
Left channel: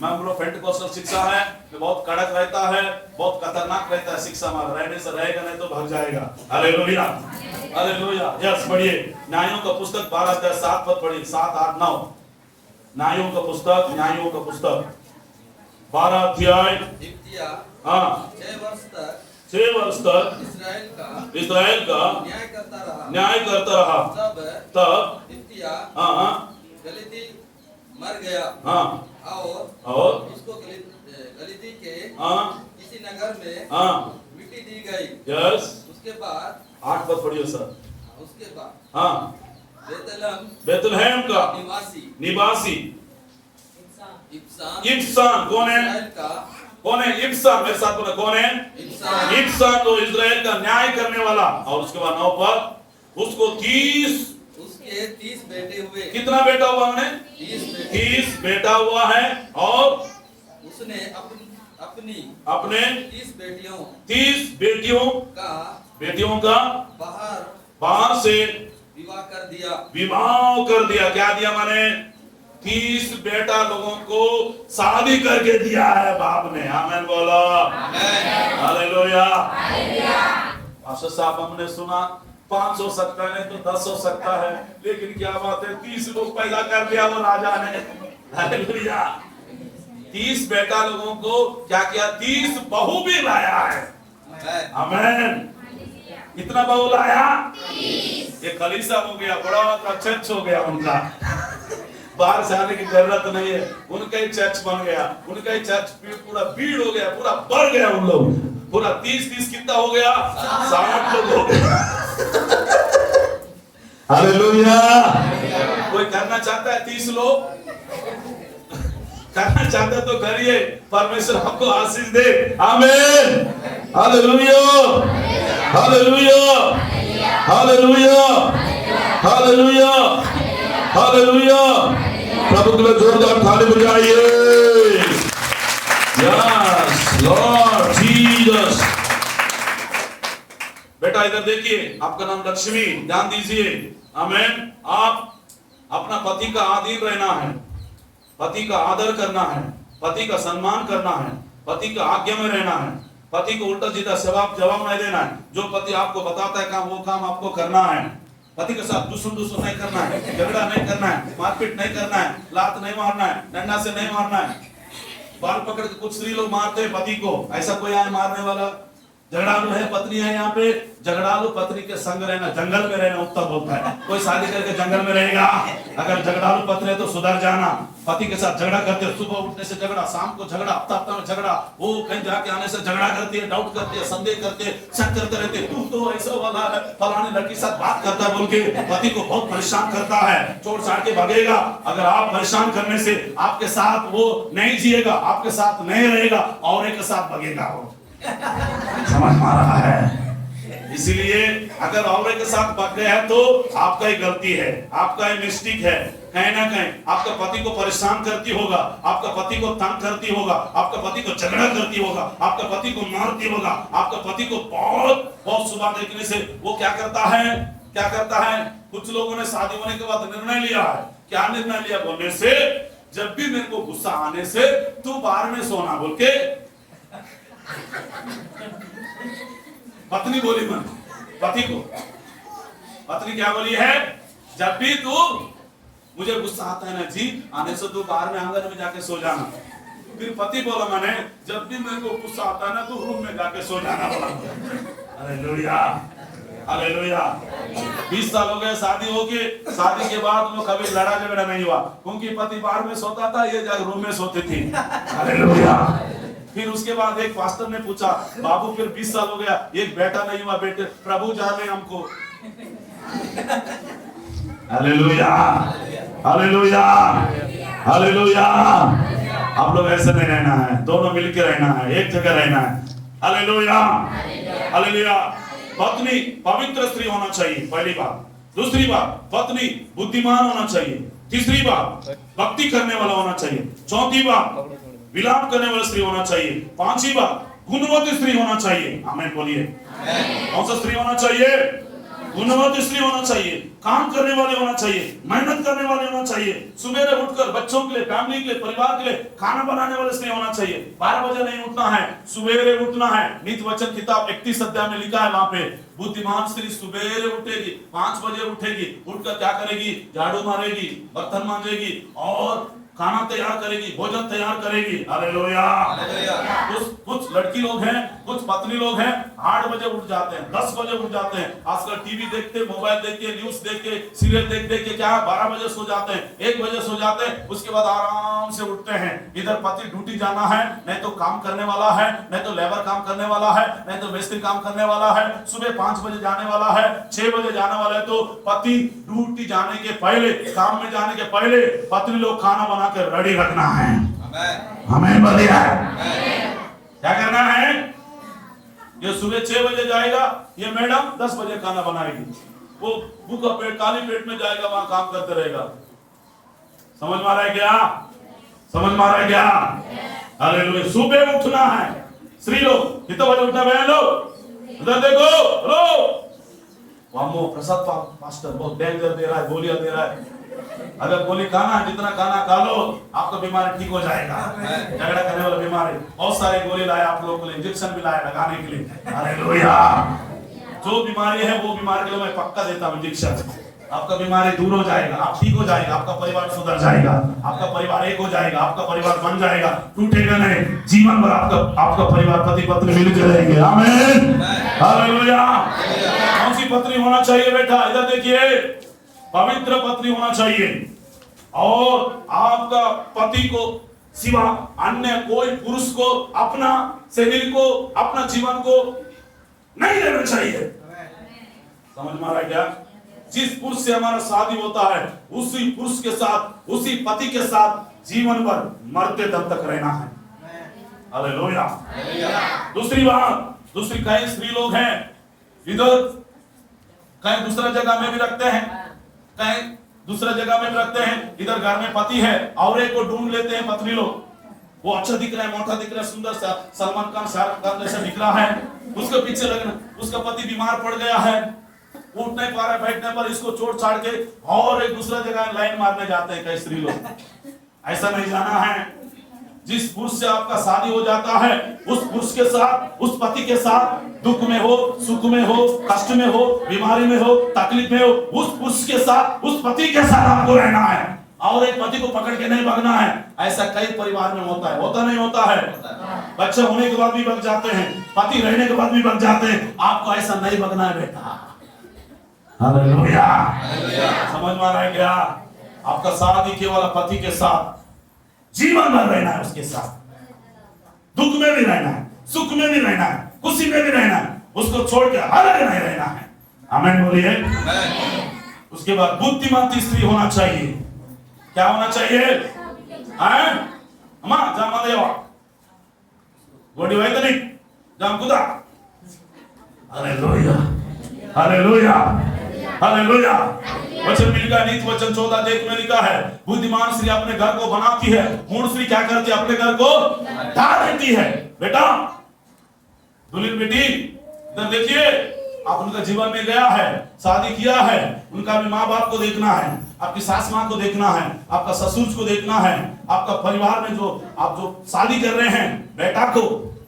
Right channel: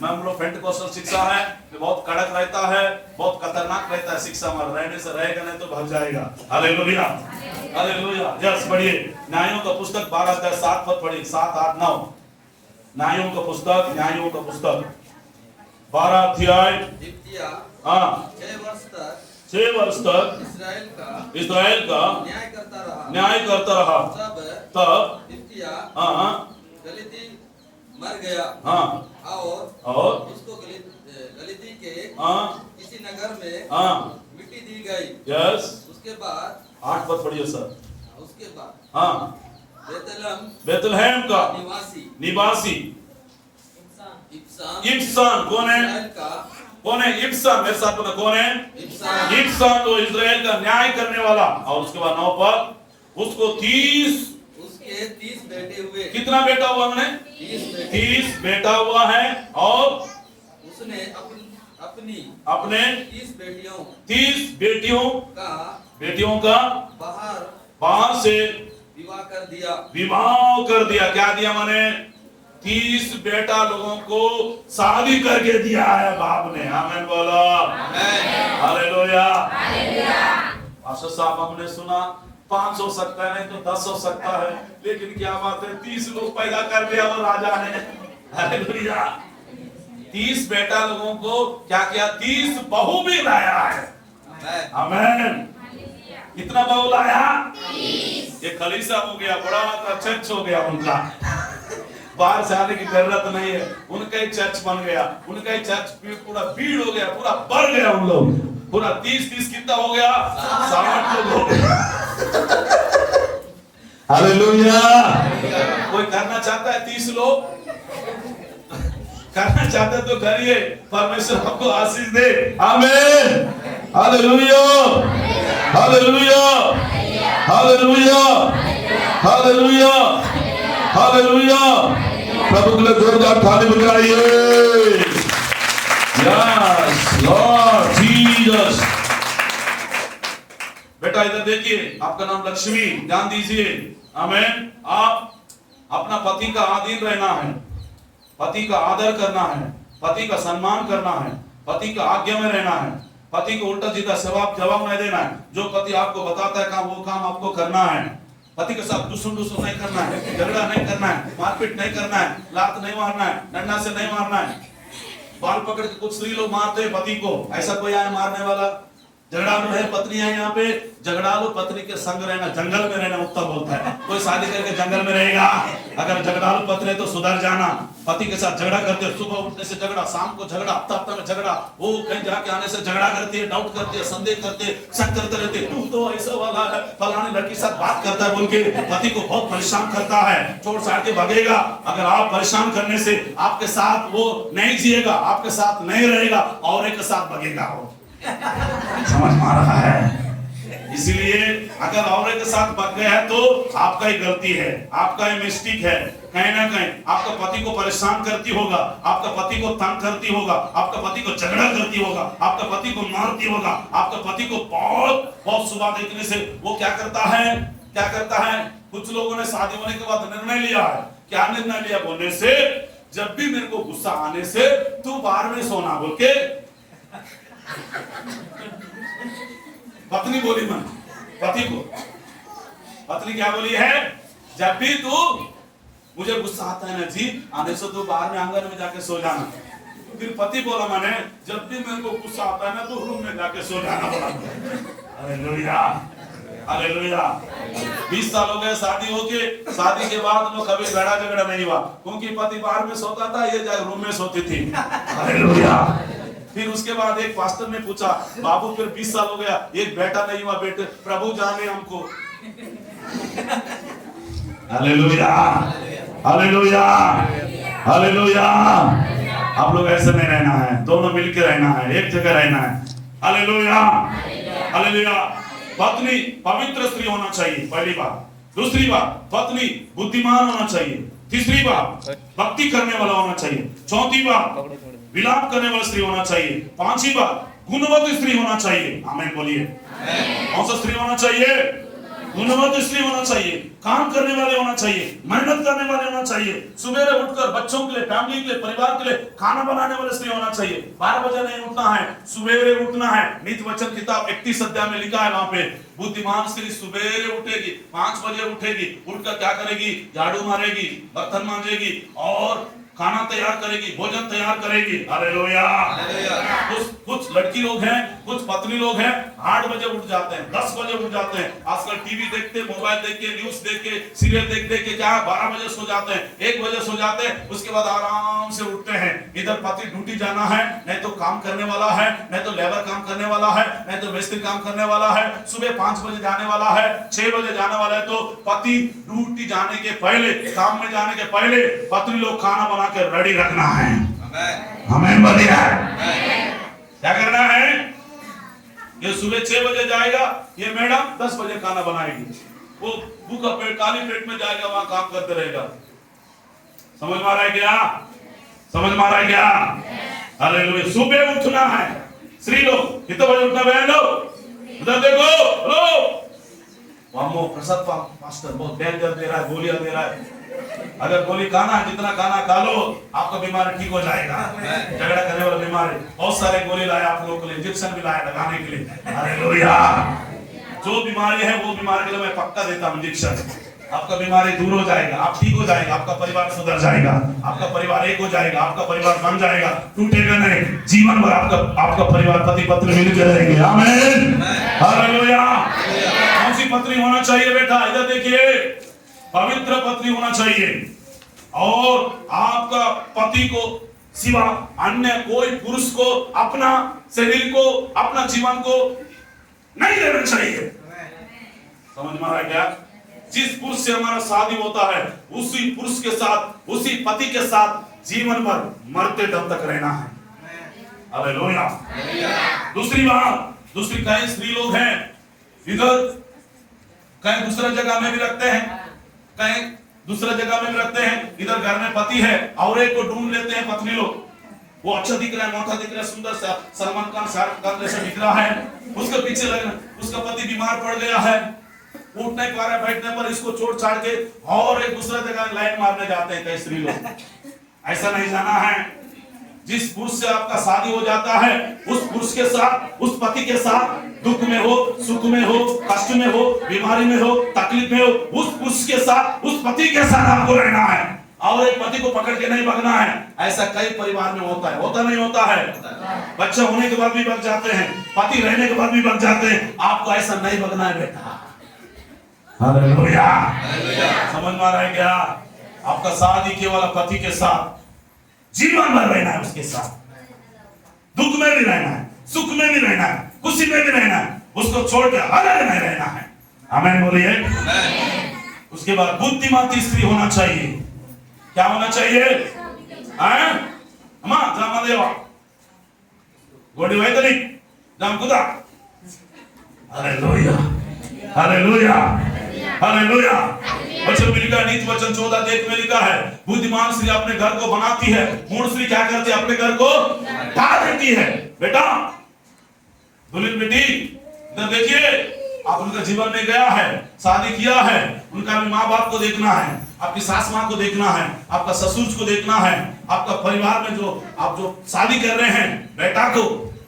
मैं हम लोग पेंटिकोस्टल शिक्षा है, बहुत कड़क रहता है, बहुत खतरनाक रहता है शिक्षा हमारा, रहने से रहेगा नहीं तो भाग जाएगा। Hallelujah, hallelujah. यस, पढ़िए न्यायों का पुस्तक 12 अध्याय 7 पद पढ़िए, 7, 8, 9। न्यायों का पुस्तक, न्यायों का पुस्तक 12 अध्याय, हाँ, 6 वर्ष तक इस्राएल का न्याय करता रहा। तब हाँ, मर गया, हाँ, और उसको गलीती के किसी नगर में मिट्टी दी गई। यस, उसके बाद 8 पद पढ़िए सर। उसके बाद हाँ, बेतलहम का निवासी इब्सान कौन है? कौन है इब्सान? मेरे साथ बोलो, कौन है इब्सान? तो इजराइल का न्याय करने वाला। और उसके बाद 9 पर उसको 30 बेटे हुए। कितना बेटा हुआ? हमने 30 बेटा हुआ है। और उसने अपने 30 बेटियों का बाहर से विवाह कर दिया। क्या दिया? माने 30 बेटा लोगों को शादी करके दिया है बाप ने। आमीन बोलो, हालेलुया। पास्टर साहब, हमने सुना 5 हो सकता है, नहीं तो 10 हो सकता है, लेकिन क्या बात है 30 लोग पैदा कर दिया वो राजा ने। हालेलुया। 30 बेटा लोगों को क्या किया? 30 बहू भी लाया है। आमीन। कितना बहू लाया? 30। ये कलीसिया हो गया, बड़ा का चर्च हो गया उनका, बाहर से आने की जरूरत नहीं है, उनका ही चर्च बन गया, उनका ही चर्च पूरा भीड़ हो गया, पूरा भर गया उन लोग, पूरा 30 कितना हो गया? 60 लोग हो गया। हालेलुया। कोई करना चाहता है 30 लोग? करना चाहता है तो करिए, परमेश्वर हमको आशीष दे। आमीन, hallelujah, hallelujah, hallelujah, hallelujah, hallelujah. प्रभु के लिए जोरदार ताली बजाइए। यस लॉर्ड जीसस, बेटा इधर देखिए, आपका नाम लक्ष्मी, ध्यान दीजिए। आमीन। आप अपना पति का आदीन रहना है, पति का आदर करना है, पति का सम्मान करना है, पति का आज्ञा में रहना है, पति को उल्टा सीधा जवाब नहीं देना है। जो पति आपको बताता है काम, वो काम आपको करना है। पति के साथ दुश्मन नहीं करना है, झगड़ा नहीं करना है, मारपीट नहीं करना है, लात नहीं मारना है, डंडा से नहीं मारना है। बाल पकड़ के कुछ स्त्री लोग मारते हैं पति को, ऐसा कोई आए मारने वाला? झगड़ालू है पत्नी है यहाँ पे, झगड़ालू पत्नी के संग रहना, जंगल में रहना उत्तम बोलता है। कोई शादी करके जंगल में रहेगा? अगर झगड़ालू पत्नी है तो सुधर जाना। पति के साथ झगड़ा करते हो, सुबह उठने से झगड़ा, शाम को झगड़ा, हफ्ता में झगड़ा, वो कहीं जाके आने से झगड़ा करती है, डाउट करती है, संदेह करते हैं, शक करते रहते हैं, तू तो ऐसा वाला है, फलाने लड़की के साथ बात करता है बोल के पति को बहुत परेशान करता है, छोड़ छाड़ के भागेगा। अगर आप परेशान करने से आपके साथ वो नहीं जिएगा, आपके साथ नहीं रहेगा, और एक साथ भागेगा वो। समझ में आ रहा है? इसीलिए अगर औरत के साथ भाग गए हैं तो आपका ही गलती है, आपका ही मिस्टेक है। कहीं ना कहीं आपका पति को परेशान करती होगा, आपका पति को तंग करती होगा, आपका पति को झगड़ा करती होगा, आपका पति को मारती होगा, आपका पति को बहुत सुबह देखने से वो क्या करता है? कुछ लोगों ने शादी होने के बाद निर्णय लिया है। क्या निर्णय लिया बोलने से? जब भी मेरे को गुस्सा आने से तू बाहर में सोना बोल के पत्नी बोली मन पति को, पत्नी क्या बोली है? जब भी तू मुझे गुस्सा आता है ना जी, आने से तू बाहर में आंगन में जाके सो जाना। फिर पति बोला मैंने, जब भी मेरे को गुस्सा आता है ना तो रूम में जाके सो जाना बोला। Hallelujah, hallelujah. 20 साल हो गए शादी होके, शादी के बाद वो कभी लड़ा झगड़ा नहीं हुआ, क्योंकि पति बाहर में सोता था, ये जाके रूम में सोती थी। हालेलुया। फिर उसके बाद एक पास्टर ने पूछा, बाबू फिर 20 साल हो गया, एक बेटा नहीं हुआ, बेटे प्रभु जाने हमको। Hallelujah, hallelujah, hallelujah. आप लोग ऐसे नहीं रहना है, दोनों मिलकर रहना है, एक जगह रहना है। Hallelujah, hallelujah. पत्नी पवित्र स्त्री होना चाहिए, पहली बात। दूसरी बात, पत्नी बुद्धिमान होना चाहिए। तीसरी बात, भक्ति करने वाला होना चाहिए। चौथी बात, विलाप करने वाली स्त्री होना चाहिए। पांचवी बात, गुणवती स्त्री होना चाहिए। आमीन बोलिए। कौन सा स्त्री होना चाहिए? गुणवती स्त्री होना चाहिए, काम करने वाले होना चाहिए, मेहनत करने वाले होना चाहिए, सुबह उठकर बच्चों के लिए, फैमिली के लिए, परिवार के लिए खाना बनाने वाले स्त्री होना चाहिए। 12 बजे नहीं उठना है, सवेरे उठना है। नीति वचन किताब 31 अध्याय में लिखा है, वहां पे बुद्धिमान स्त्री सवेरे उठेगी, 5 बजे उठेगी, उठकर क्या करेगी? झाड़ू मारेगी, बर्तन मांजेगी और खाना तैयार करेगी, भोजन तैयार करेगी। हालेलुया। कुछ लड़की लोग हैं, कुछ पत्नी लोग हैं, 8 बजे उठ जाते हैं, 10 बजे उठ जाते हैं। आजकल टीवी देखते, मोबाइल देख के, न्यूज देख के, सीरियल देख के क्या 12 बजे सो जाते हैं, 1 बजे सो जाते हैं। उसके बाद आराम से उठते हैं। इधर पति ड्यूटी जाना है, नहीं तो काम करने वाला है, नहीं तो लेबर काम करने वाला है, नहीं तो मिस्त्री काम करने वाला है। सुबह 5 बजे जाने वाला है, 6 बजे जाने वाला है। तो पति ड्यूटी जाने के पहले, काम में जाने के पहले पत्नी लोग खाना बना के रेडी रखना है। हमें बढ़िया क्या करना है? ये सुबह 6 बजे जाएगा, ये मैडम 10 बजे खाना बनाएगी। वो भूखा पेट, खाली पेट में जाएगा, वहां काम करते रहेगा। समझ में आ रहा है क्या? समझ में आ रहा है क्या? हालेलुया। सुबह उठना है। स्त्री लोग कितने बजे उठना? बहन लोग इधर देखो, लो वहां प्रसाद पास्टर बहुत डेंजर दे रहा है, गोलियां दे रहा है। अगर गोली खाना, जितना खाना खा लो, आपका बीमारी ठीक हो जाएगा। झगड़ा करने वाला बीमारी, बहुत सारे गोली लाए आप लोगों के लिए, इंजेक्शन भी लाए लगाने के लिए। हालेलुया। जो बीमारी है वो बीमारी के लिए मैं पक्का देता हूं इंजेक्शन। आपका बीमारी दूर हो जाएगा, आप ठीक हो जाएगा, आपका परिवार सुधर जाएगा, आपका परिवार एक हो जाएगा, आपका परिवार बन जाएगा, टूटेगा नहीं। जीवन भर आपका परिवार पति पत्नी मिलकर रहेंगे। आमीन, हालेलुया। कौन सी पत्नी होना चाहिए बेटा? इधर देखिए, पवित्र पत्नी होना चाहिए। और आपका पति को सिवा अन्य कोई पुरुष को अपना शरीर को, अपना जीवन को नहीं देना चाहिए। समझ में आ रहा है क्या? जिस पुरुष से हमारा शादी होता है, उसी पुरुष के साथ, उसी पति के साथ जीवन भर मरते दम तक रहना है। हालेलुया। दूसरी बात, दूसरी कई स्त्री लोग हैं इधर, कहीं दूसरे जगह में भी रखते हैं, कहीं दूसरे जगह में भी रखते हैं। इधर घर में पति है और एक को ढूंढ लेते हैं पत्नी लोग, वो अच्छा दिख रहा है, मोटा दिख रहा है, सुंदर सा, सलमान खान, शाहरुख खान जैसा दिख रहा है, उसके पीछे लगना, उसका पति बीमार पड़ गया है, उठ नहीं पा रहा है, बैठने पर इसको छोड़ छाड़ के और एक दूसरे जगह लाइन मारने जाते हैं कई स्त्री लोग। ऐसा नहीं जाना है। जिस पुरुष से आपका शादी हो जाता है, उस पुरुष के साथ, उस पति के साथ, दुख में हो, सुख में हो, कष्ट में हो, बीमारी में हो, तकलीफ में हो, उस पुरुष के साथ, उस पति के साथ आपको रहना है और एक पति को पकड़ के नहीं भागना है। ऐसा कई परिवार में होता है, होता नहीं होता है? बच्चा होने के बाद भी भाग जाते हैं, पति रहने के बाद भी भाग जाते हैं। आपको ऐसा नहीं भागना है बेटा। हालेलुया, समझ में आ रहा है क्या? आपका शादी केवल पति के साथ जीवन भर रहना है, उसके साथ दुख में भी रहना है, सुख में भी रहना है, खुशी में भी रहना है, उसको छोड़ के अलग नहीं रहना है। आमीन बोलिए। उसके बाद बुद्धिमान स्त्री होना चाहिए। क्या होना चाहिए? अम्मा जामा देवा गोडी वाई तो नहीं जाम कुदा। Hallelujah, hallelujah, hallelujah. वचन में लिखा है, नीति वचन 14 देख में लिखा है, बुद्धिमान स्त्री अपने घर को बनाती है, मूढ़ स्त्री क्या करती है? अपने घर को ढा देती है। बेटा, दुल्हन बेटी, इधर देखिए, आप उनका जीवन में गया है, शादी किया है, उनका माँ बाप को देखना है, आपकी सास माँ को देखना है, आपका ससुर को देखना है, आपका परिवार में जो आप जो शादी कर रहे हैं बेटा को,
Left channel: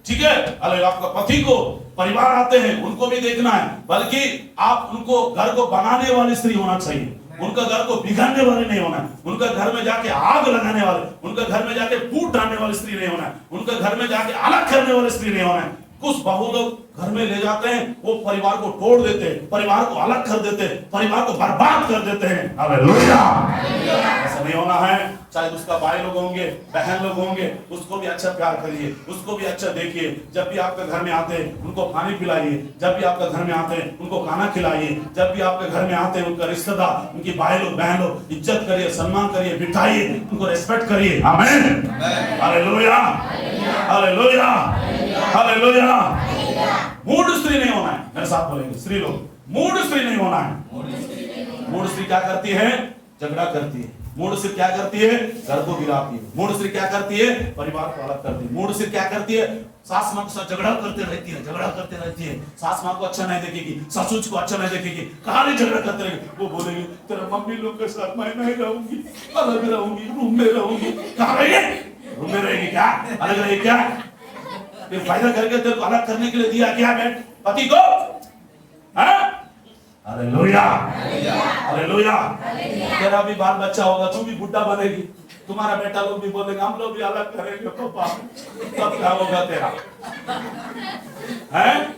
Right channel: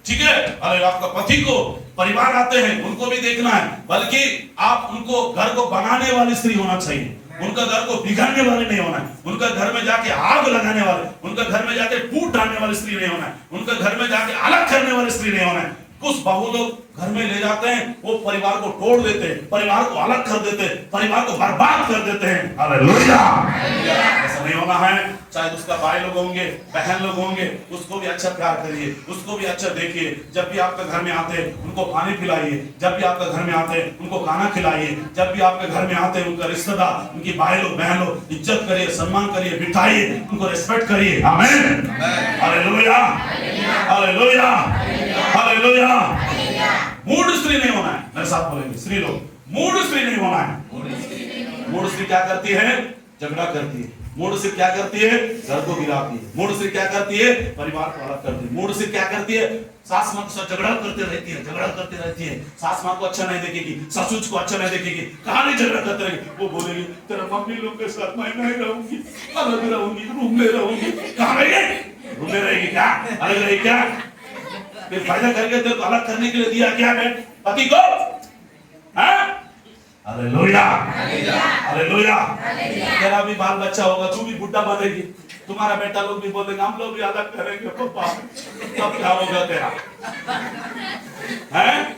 ठीक है, अरे आपका पति को, परिवार आते हैं उनको भी देखना है, बल्कि आप उनको घर को बनाने वाली स्त्री होना चाहिए। उनका घर को बिगाड़ने वाले नहीं होना है, उनका घर में जाके आग लगाने वाले, उनका घर में जाके फूट डालने वाली स्त्री नहीं होना है, उनका घर में जाके अलग करने वाली स्त्री नहीं होना है। कुछ बहू लोग घर में ले जाते हैं, वो परिवार को तोड़ देते हैं, परिवार को अलग कर देते हैं, परिवार को बर्बाद कर देते हैं। हालेलुया, ऐसा नहीं होना है। चाहे उसका भाई लोग होंगे, बहन लोग होंगे, उसको भी अच्छा प्यार करिए, उसको भी अच्छा देखिए। जब भी आपके घर में आते हैं उनको पानी पिलाइए, जब भी आपके घर में आते हैं उनको खाना खिलाइए, जब भी आपके घर में आते हैं उनका रिश्तेदार, उनकी भाई लोग, बहन लोग, इज्जत करिए, सम्मान करिए, बिठाइए, उनको रिस्पेक्ट करिए। आमीन, हालेलुया, हालेलुया, हालेलुया। मूढ़ स्त्री नहीं होना है। मेरे साथ बोलेंगे स्त्री लोग, मूढ़ स्त्री नहीं होना है। मूढ़ स्त्री क्या करती है? झगड़ा करती है। मूढ़ स्त्री क्या करती है? घर को गिराती है। मूढ़ स्त्री क्या करती है? परिवार को अलग करती है। मूढ़ स्त्री क्या करती है? सास माँ के साथ झगड़ा करते रहती है, झगड़ा करते रहती है। सास माँ को अच्छा नहीं देखेगी, ससुर को अच्छा नहीं देखेगी, कहाँ नहीं झगड़ा करते रहेगी। वो बोलेगी तेरा मम्मी लोग के साथ मैं नहीं रहूंगी, अलग रहूंगी, रूम में रहूंगी। कहाँ रहेगी? रूम में रहेगी क्या? अलग रहेगी क्या? फिर फायदा करके तेरे को अलग करने के लिए दिया क्या है पति को? Hallelujah, hallelujah. तेरा भी बाल बच्चा होगा, तू भी बुढ़ा बनेगी, तुम्हारा बेटा लोग भी बोलेंगे हम लोग भी अलग करेंगे, पापा तब क्या होगा तेरा? हैं?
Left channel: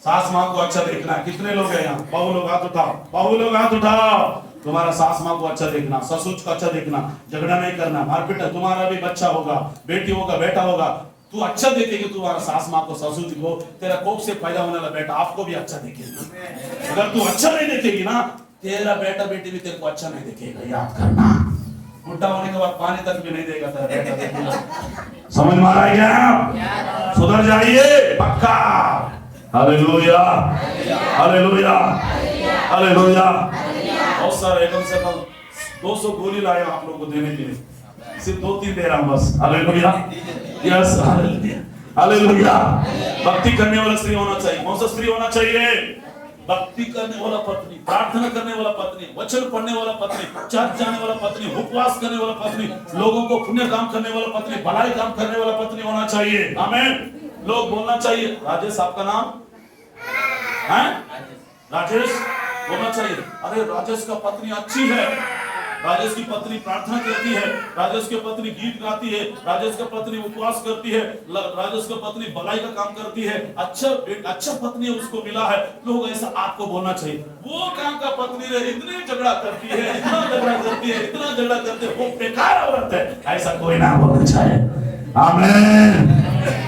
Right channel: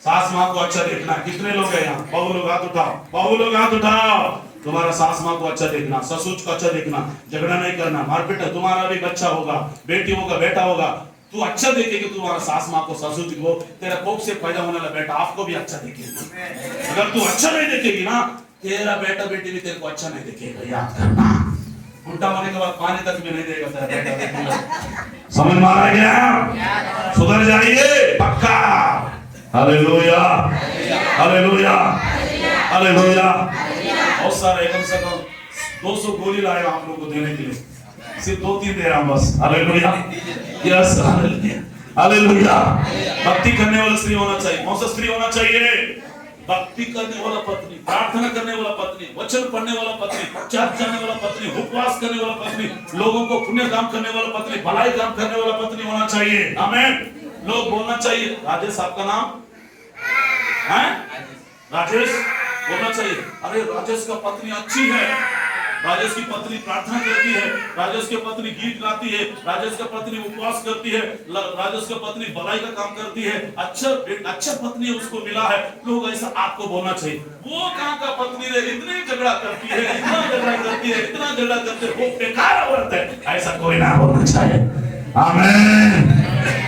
सास माँ को अच्छा देखना। कितने लोग हैं यहाँ? बहू लोग हाथ उठाओ, बहू लोग हाथ उठाओ। तुम्हारा सास माँ को अच्छा देखना, ससुर को अच्छा देखना, झगड़ा नहीं करना, मारपीट। तुम्हारा भी बच्चा होगा, बेटी होगा, बेटा होगा, तू अच्छा देखेगी तुम्हारा सास माँ को, ससुर जी को, तेरा कोख से पैदा होने वाला बेटा आपको भी अच्छा देखेगा। अगर तू अच्छा नहीं देखेगी ना, तेरा बेटा बेटी भी तेरे को अच्छा नहीं देखेगा। याद करना, बुढ़ा होने के बाद पानी तक भी नहीं देगा तेरा बेटा बेटी। समझ में आ रहा है क्या? सुधर जाइए पक्का। Hallelujah, hallelujah, hallelujah. बहुत सारे, कम से कम 200 गोली लाए आप लोगों को देने के लिए, सिर्फ 2-3 दे रहा हूं बस। Hallelujah, yes, hallelujah, hallelujah. भक्ति करने वाला स्त्री होना चाहिए। कौन सा स्त्री होना चाहिए? भक्ति करने वाला पत्नी, प्रार्थना करने वाला पत्नी, वचन पढ़ने वाला पत्नी, चर्च जाने वाला पत्नी, उपवास करने वाला पत्नी, लोगों को पुण्य काम करने वाला पत्नी, भलाई काम करने वाला पत्नी होना चाहिए। आमीन। लोग बोलना चाहिए राजेश आपका नाम है? राजेश बोलना चाहिए, अरे राजेश का पत्नी अच्छी है, राजेश की पत्नी प्रार्थना करती है, राजेश की पत्नी गीत गाती है, राजेश की पत्नी उपवास करती है, राजेश की पत्नी भलाई का काम करती है, अच्छा पत्नी उसको मिला है। लोग ऐसा आपको बोलना चाहिए। वो कहाँ का पत्नी है, इतनी झगड़ा करती है, इतना झगड़ा करती है, इतना झगड़ा करती है, वो बेकार औरत है, ऐसा कोई ना बोलना चाहिए। आमीन,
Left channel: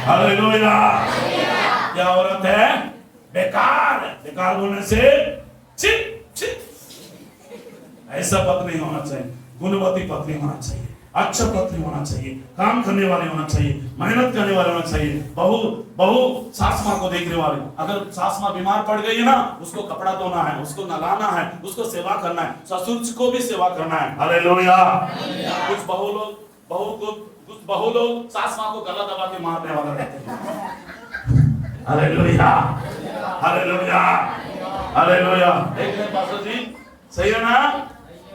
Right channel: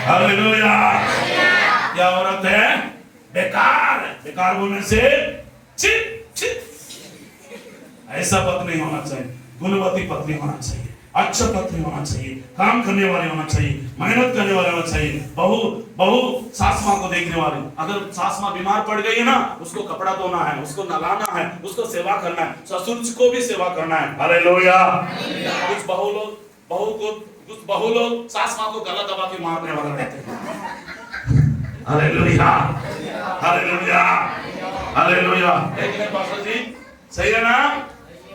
हालेलुया। क्या औरत है? बेकार। बेकार बोलने से छी छी, ऐसा पत्नी होना चाहिए। गुणवती पत्नी होना चाहिए, अच्छा पत्नी होना चाहिए, काम करने वाले होना चाहिए, मेहनत करने वाले होना चाहिए। बहू सास माँ को देखने वाले। अगर सास माँ बीमार पड़ गई है ना, उसको कपड़ा धोना है, उसको नहलाना है, उसको सेवा करना है, ससुर को भी सेवा करना है। हालेलुया। कुछ बहू को कुछ बहू लोग सास माँ को गला दबा के मारने वाला रहते हैं। Hallelujah, hallelujah, hallelujah. एक मिनट पास्टर जी, सही है ना?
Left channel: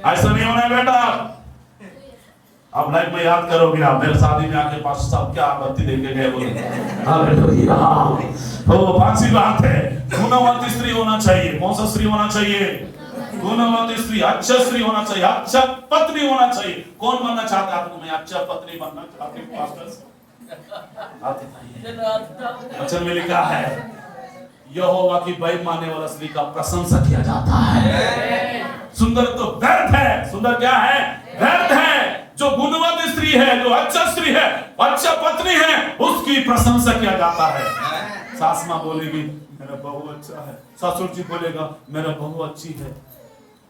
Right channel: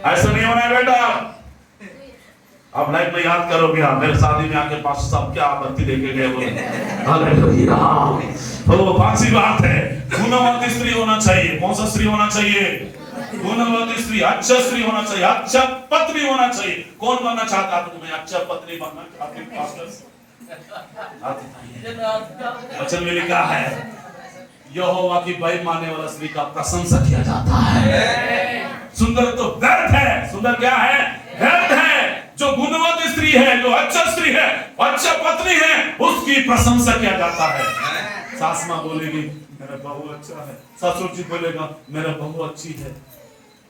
ऐसा नहीं होना है बेटा। अब लाइफ में याद करोगे आप, मेरे शादी में आके पास्टर साहब क्या आबत्ती देके गए बोले। हालेलुया। तो पांचवी बात है, गुणवती स्त्री होना चाहिए। कौन सा स्त्री होना चाहिए? गुणवती स्त्री, अच्छा स्त्री होना चाहिए, अच्छा पत्नी होना चाहिए। कौन बनना चाहता है? तुम्हें अच्छा पत्नी बनना चाहते हो पास्टर? वचन में लिखा है यहोवा की बैल मानने वाला स्त्री का प्रशंसा किया जाता है। सुंदर तो व्यर्थ है, सुंदर क्या है? व्यर्थ है। जो गुणवती स्त्री है, जो अच्छा स्त्री है, अच्छा पत्नी है, उसकी प्रशंसा किया जाता है। सास माँ बोलेगी मेरा बहू अच्छा है, ससुर जी बोलेगा मेरा बहू अच्छी है,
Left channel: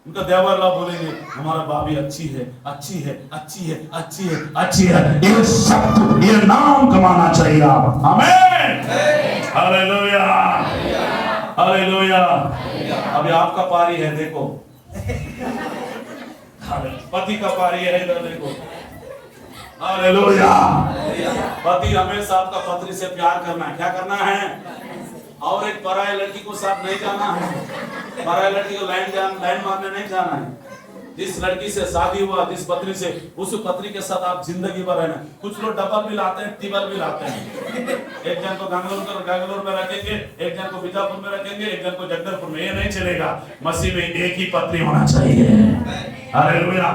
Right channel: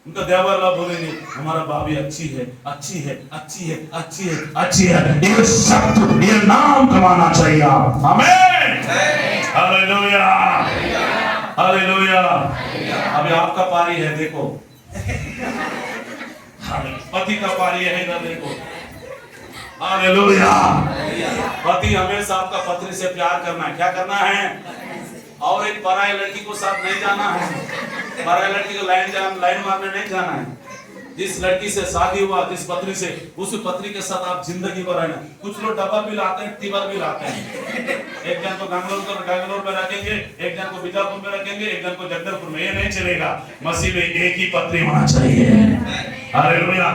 उनका देवरला बोलेंगे हमारा भाभी अच्छी है, अच्छी है, अच्छी है, अच्छी है, अच्छी है। ये शब्द, ये नाम कमाना चाहिए आप। आमीन, हालेलुया, हालेलुया। अभी आपका पारी है, देखो पति का पारी है, इधर देखो। हालेलुया। पति हमेशा आपका पत्नी से प्यार करना है। क्या करना है? और एक पराई लड़की को साथ नहीं जाना है। पराई लड़की को लाइन मारने नहीं जाना है। जिस लड़की से शादी हुआ, जिस पत्नी से, उस पत्नी के साथ आप जिंदगी भर रहना। कुछ लोग डबल भी लाते हैं, टिबल भी लाते हैं। एक जन को गंगलोर में रखेंगे, एक जन को बीजापुर में रखेंगे, एक जन को जगदलपुर में। ये नहीं चलेगा। मसीह में एक ही पत्नी होना चाहिए। हालेलुया।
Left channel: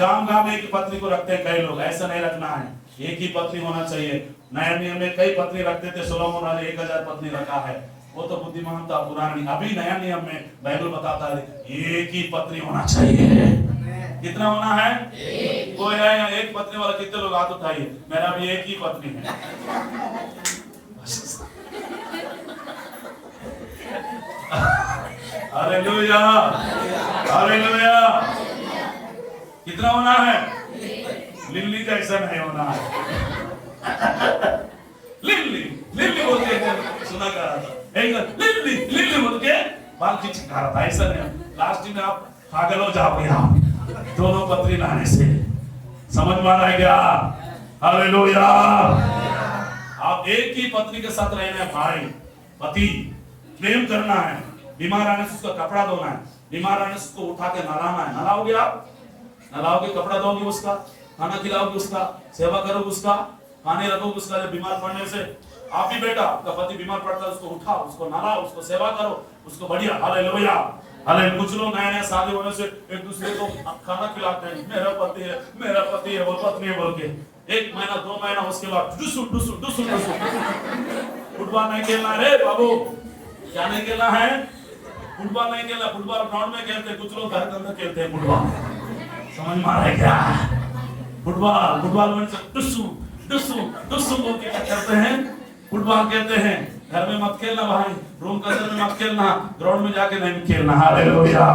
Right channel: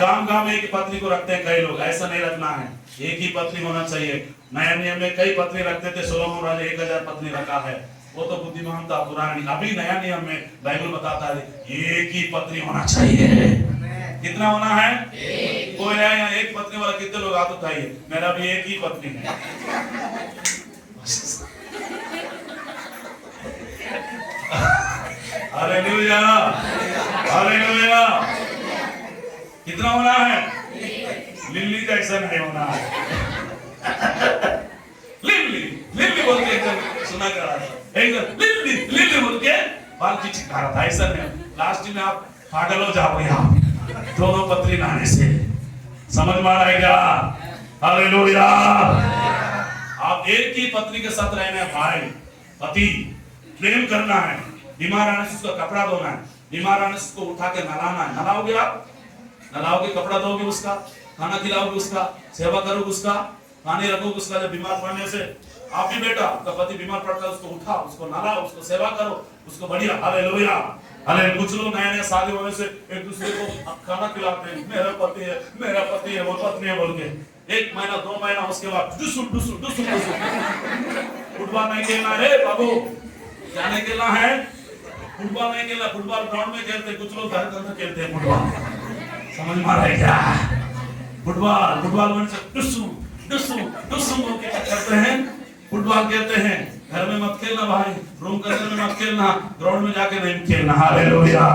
गांव में एक ही पत्नी को रखते हैं कई लोग, ऐसा नहीं रखना है। एक ही पत्नी होना चाहिए। नया नियम में कई पत्नी रखते थे, सोलोमन राजा 1000 पत्नी रखा है। वो तो बुद्धिमान था, पुराना नहीं। अभी नया नियम में बाइबल बताता है एक ही पत्नी होना चाहिए। कितना होना है? कोई है एक पत्नी वाला? कितने लोग हाथ उठाइए। मेरा भी एक ही पत्नी है। Hallelujah, hallelujah. कितना होना है? लिल्ली जैसा नहीं होना है। लिल्ली लिल्ली बोल के सुना कर रहा था, लिल्ली लिल्ली बोल के बाल चिपका रहा था। ऐसा नहीं, लास्ट में आप पागल हो जाओगे आप दोनों पत्नी लाने से। समझ में आ रहा है क्या? हालेलुया। आप एक ही पत्नी के साथ रहना है भाई। पति प्रेम करना है। बीमार आने से उसका कपड़ा धोना है, बीमार आने से उसको उठा के नहलाना है। नहलाओगे आप? नहलाओगे, कपड़ा धोगे उसका, खाना खिलाओगे उसका, सेवा करोगे उसका, पानी रखोगे उसका। जब बीमार पड़ने से आप भी बेटा, आपका पति बीमार पड़ता है, उसको उठाओ, उसको नहलाओ, उसको सेवा करो, उसको बढ़िया। Hallelujah, hallelujah. कुछ लोग नए नए शादी होने से एक दूसरे को खाना खिलाते हैं, मेरा पति है, मेरा पति है, वो पत्नी है बोल के। 1 महीना 2 महीना उसके बाद डुसुर डुसुर डुसुर डुसुर। फुटबॉल नहीं खेलना है बाबू। क्या नहीं खेलना है? फुटबॉल नहीं खेलना। फुटबॉल ग्राउंड में खेलते, कुछ लोग घर के अंदर खेलते हैं फुटबॉल। समझ में आ रहा है क्या? फुटबॉल में डुसू बोल के क्या करते हैं? फुटबॉल खेलते हैं। घर में मत खेलना भाई, रूम के अंदर में मत खेलना, ग्राउंड में जाके नहीं खेलना। हालेलुया।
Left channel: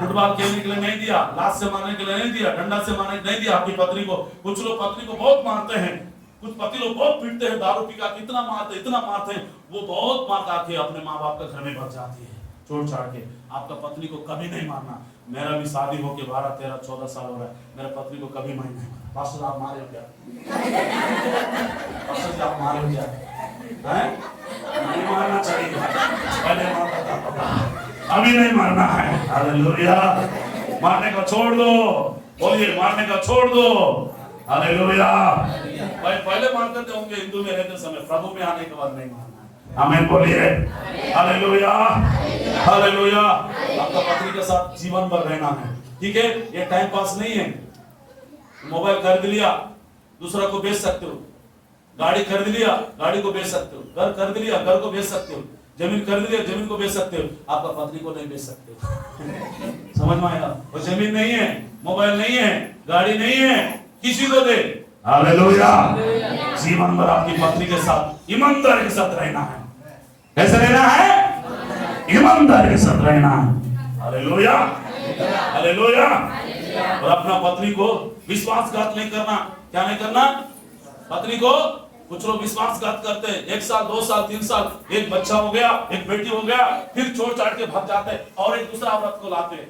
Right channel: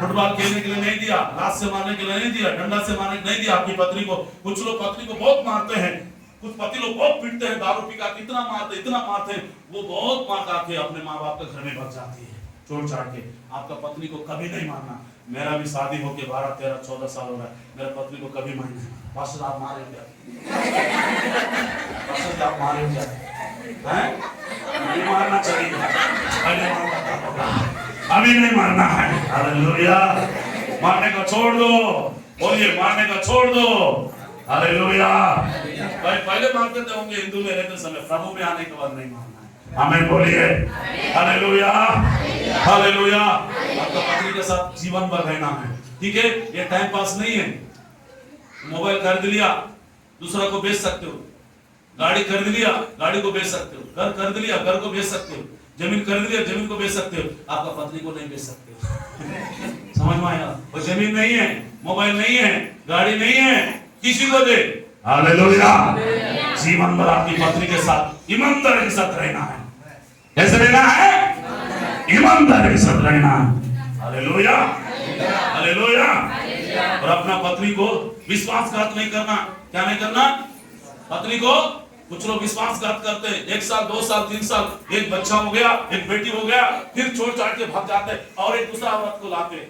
फुटबॉल खेलने के लिए नहीं दिया, लात से मारने के लिए नहीं दिया, डंडा से मारने नहीं दिया अपनी पत्नी को। कुछ लोग पत्नी को बहुत मारते हैं, कुछ पति लोग बहुत पीटते हैं, दारू पी का इतना मारते हैं, वो बहुत मार के अपने माँ बाप के घर में भग जाती है छोड़ छाड़ के। आपका पत्नी को कभी नहीं मारना। मेरा भी शादी होके 12, 13, 14 साल हो रहा है, मेरा पत्नी को कभी नहीं मारा। पास्टर आप मारे क्या? पास्टर आप मारे क्या? हैं? नहीं मारना चाहिए, पहले मारना था, अभी नहीं मारना है। हालेलुया। मारने को छोड़ दो, बोलिए मारने को छोड़ दो। हालेलुया। भाई पहले मारते थे होंगे हिंदू में रहते समय, प्रभु में आने के बाद नहीं मारना है। आमीन बोलिए। Hallelujah, hallelujah. आपका पत्नी के साथ जीवन भर रहना है, ठीक है? ये टाइम पास नहीं है। मोबाइल खरीद लिया, दूसरा को बेच सकते हो। गाड़ी खरीद लिया, गाड़ी को बेच सकते हो। घर खरीद लिया, घर को बेच सकते हो। जमीन खरीद लिया, जमीन को बेच सकते हो। आपका पत्नी को नहीं बेच सकते। समझ में आया? वो जमीन नहीं है, मोबाइल नहीं है, गाड़ी नहीं है, किसी को दे। हालेलुया। जीवन भर आपकी पत्नी के साथ ईमानदारी के साथ रहना है। कैसे रहना है? ईमानदारी के साथ रहना है। Hallelujah, hallelujah. और अपना पत्नी को विश्वासघात नहीं करना। क्या नहीं करना? पत्नी को, कुछ लोग विश्वासघात करते हैं। 1 साल, 2 साल, 3 साल, एक बच्चा हो गया, एक बेटी हो गया, फिर छोड़ छाड़ के भाग जाते हैं और एक दूसरा औरत को लाते हैं।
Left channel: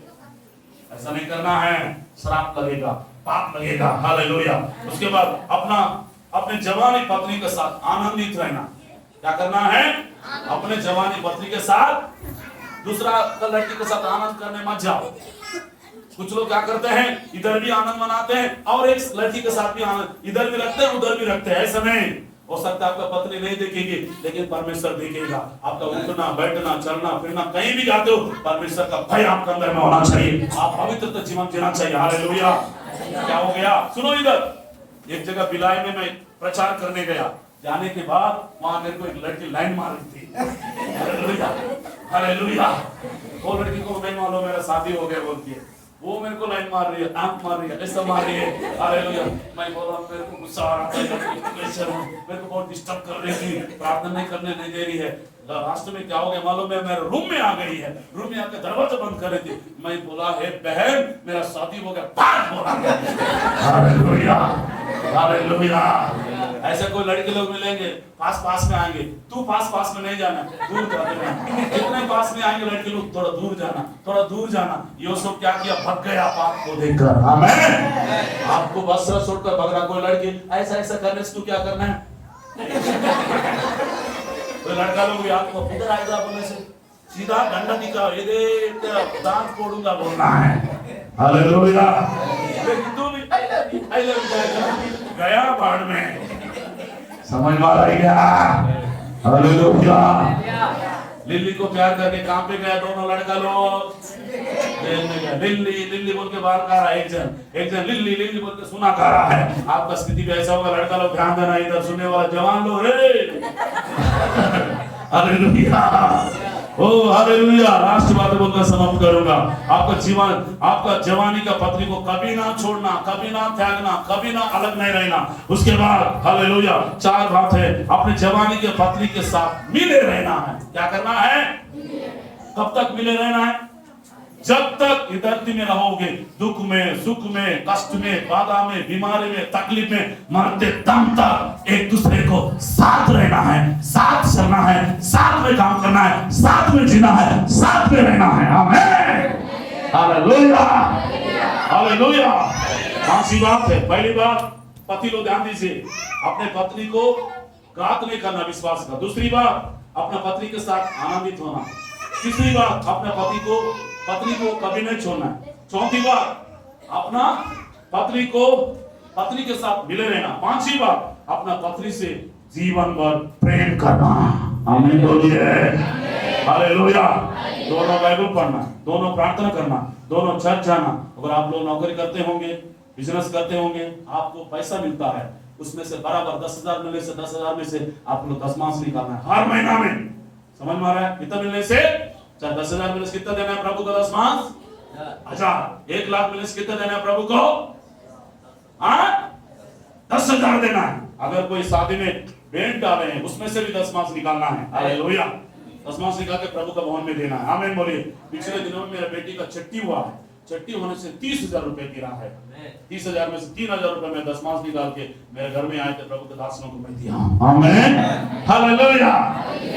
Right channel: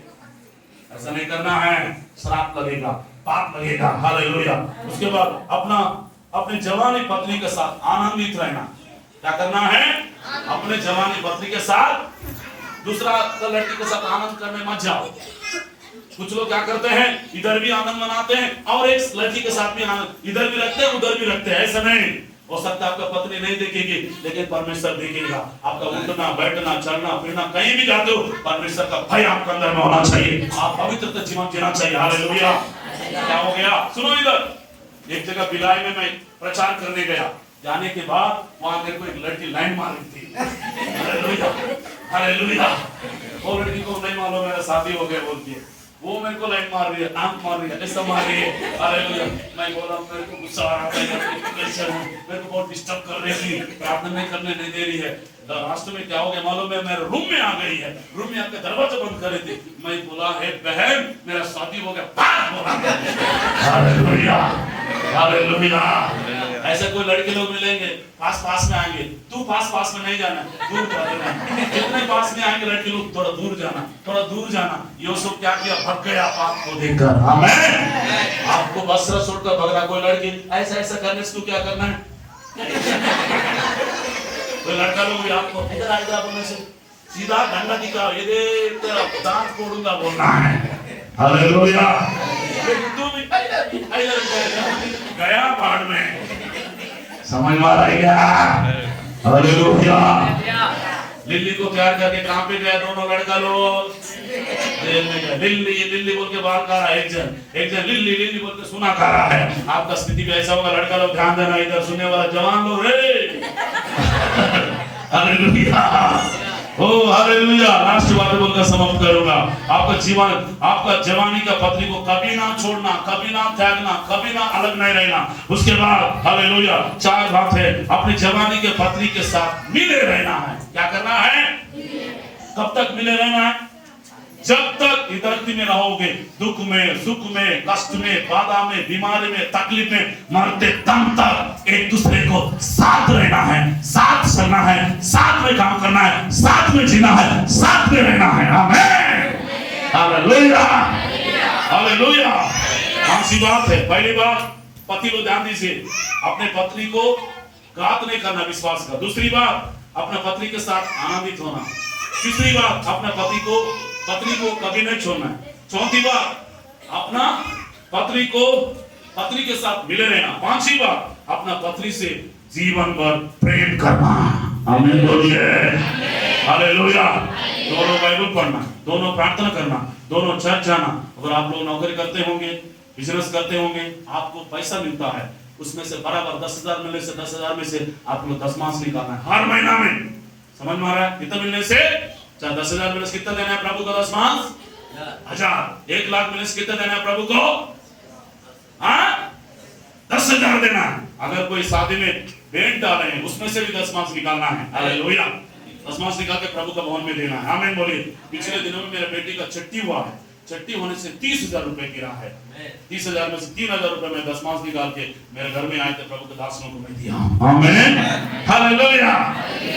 ऐसा नहीं करना है, श्राप लगेगा, पाप लगेगा। हालेलुया। उसके बाद अपने जवानी पत्नी के साथ आनंदित रहना। क्या करना है? अपने जवानी पत्नी के साथ, दूसरा लड़की के साथ आनंद करने मत जाओ। कुछ लोग क्या करते हैं, इधर भी आनंद मनाते हैं और एक लड़की के साथ भी आनंद, इधर भी रखते हैं उधर भी रखते हैं। ऐसा नहीं हो सकता। आपका पत्नी नहीं देखेगी लेकिन परमेश्वर देखेगा। आपका उठना बैठना चलना फिरना, कहीं भी जाते हो परमेश्वर का भय आपके अंदर में होना चाहिए। आप पवित्र जीवन जीना चाहिए। हालेलुया। क्या हो गया? सुनो, इधर एक जगह बिलाई में मैं प्रचार करने गया। जाने के बाद वहां मेरे को एक लड़की लाइन मार रही थी। Hallelujah, hallelujah. वो लड़की को नहीं मालूम मेरा शादी हो गया बोलती है। वो मेरे को लाइन मार रही है, आंख मार रही है, ऐसा मार रही है। हालेलुया। मैं बोला मेरे को गुस्सा आ रहा है, मेरे को बहुत डिस्टर्ब कर रही थी, प्रार्थना नहीं करने नहीं दे रही है। रास्ते में क्या हो गया मालूम है? मेरे रूम में आ गई है, रूम में आकर दरवाजा बंद कर रही थी। मैं बोला, हे बहन मेरा शादी हो गया। Hallelujah, hallelujah. ऐसे कोई लड़के लोग मिलेंगे पास में आएंगे, तू पास में नहीं जाना, दूर जाना। जितने पास में आएंगे लड़के लोग थोड़ा दूर जाना, थोड़ा दूर जाना। यूसुफ क्या किया? भाग गया पाप को देखकर। आमीन। आपको वस्त्र छोड़कर भाग रहा कोई लड़की, ऐसा करने से तू क्या करना है? कोई लड़का लोग भी आपको इधर आएगा बोलने से सीधा डंडा दिखा, ये देख दांत तोड़ूंगा बोलना है। हालेलुया। तू भी गया बाढ़ में, समझ में आ रहा है क्या? हालेलुया। लिल्ली को प्यार करके कहां पे गया दोनों लड़का लोग? जेल में गया। लिल्ली बोल के बाहर खा रहा है, एक जन लिल्ली बोल के सुना खा रहा है। आपका स्थिति भी ऐसा होगा। लड़का लोग ध्यान देना, इधर सुनने वाला जवान लोग हालेलुया, ओ हालेलुया। लास्ट बात बोलकर समाप्त करूंगा। आपका जवानी का पत्नी को कभी ना छोड़ना, कभी ना त्यागना, कभी ना अलग नहीं रहना। उसके बाद हालेलुया 4 बात है। अपनी जवानी के पत्नी के साथ मिले रहना है। क्या करना है? कब तक मिले रहना है? जब तक इस धरती में रहोगे, दुख में, सुख में, कष्ट में, बाधा में, बीमारी में, तकलीफ में, मरते दम तक एक दूसरे को साथ रहना है, साथ चलना है, साथ में काम करना है, साथ में जीना है, साथ में रहना है। आमीन, हालेलुया, हालेलुया। कौन सी बात है? पहली बात, पति लोग ध्यान दीजिए, अपने पत्नी को घात नहीं करना, विश्वास का। दूसरी बात, अपने पत्नी के साथ आनंदित होना। तीसरी बात, अपने पत्नी को कभी नहीं छोड़ना। चौथी बात, अपना पत्नी के साथ मिले रहना। पांचवी बात, अपना पत्नी से जीवन भर प्रेम करना। आमीन बोलिए, हालेलुया। दोनों बाइबल पढ़ना, दोनों प्रार्थना करना, दोनों चर्च जाना। अगर आप लोग नौकरी करते होंगे, बिजनेस करते होंगे, आपको पैसा मिलता है, उसमें से बराबर 10,000 मिलने से 10,000 में से आप लोग दशमांश निकालना है हर महीना में। समझ में आ रहा है? कितना मिलने से? 10,000 मिलने से कितना देना है प्रभु को? दशमांश 1000। 1 लाख मिलने से कितना देना है प्रभु को? 10,000 देना है। अगर कोई शादी में भेंट डाले हैं, उसमें से भी दशमांश निकालना है। हालेलुया। दशमांश निकाल के प्रभु का भवन में देना है। आमीन बोलिए। पिछले दिनों में मेरे बेटी का छठी हुआ है, छठी होने से 30,000 रुपए गिरा है। 30,000 में से 3,000 रुपए में दशमांश निकाल के मेरे घर में आए थे, प्रभु के दासों को मैं दिया। आमीन, हालेलुया।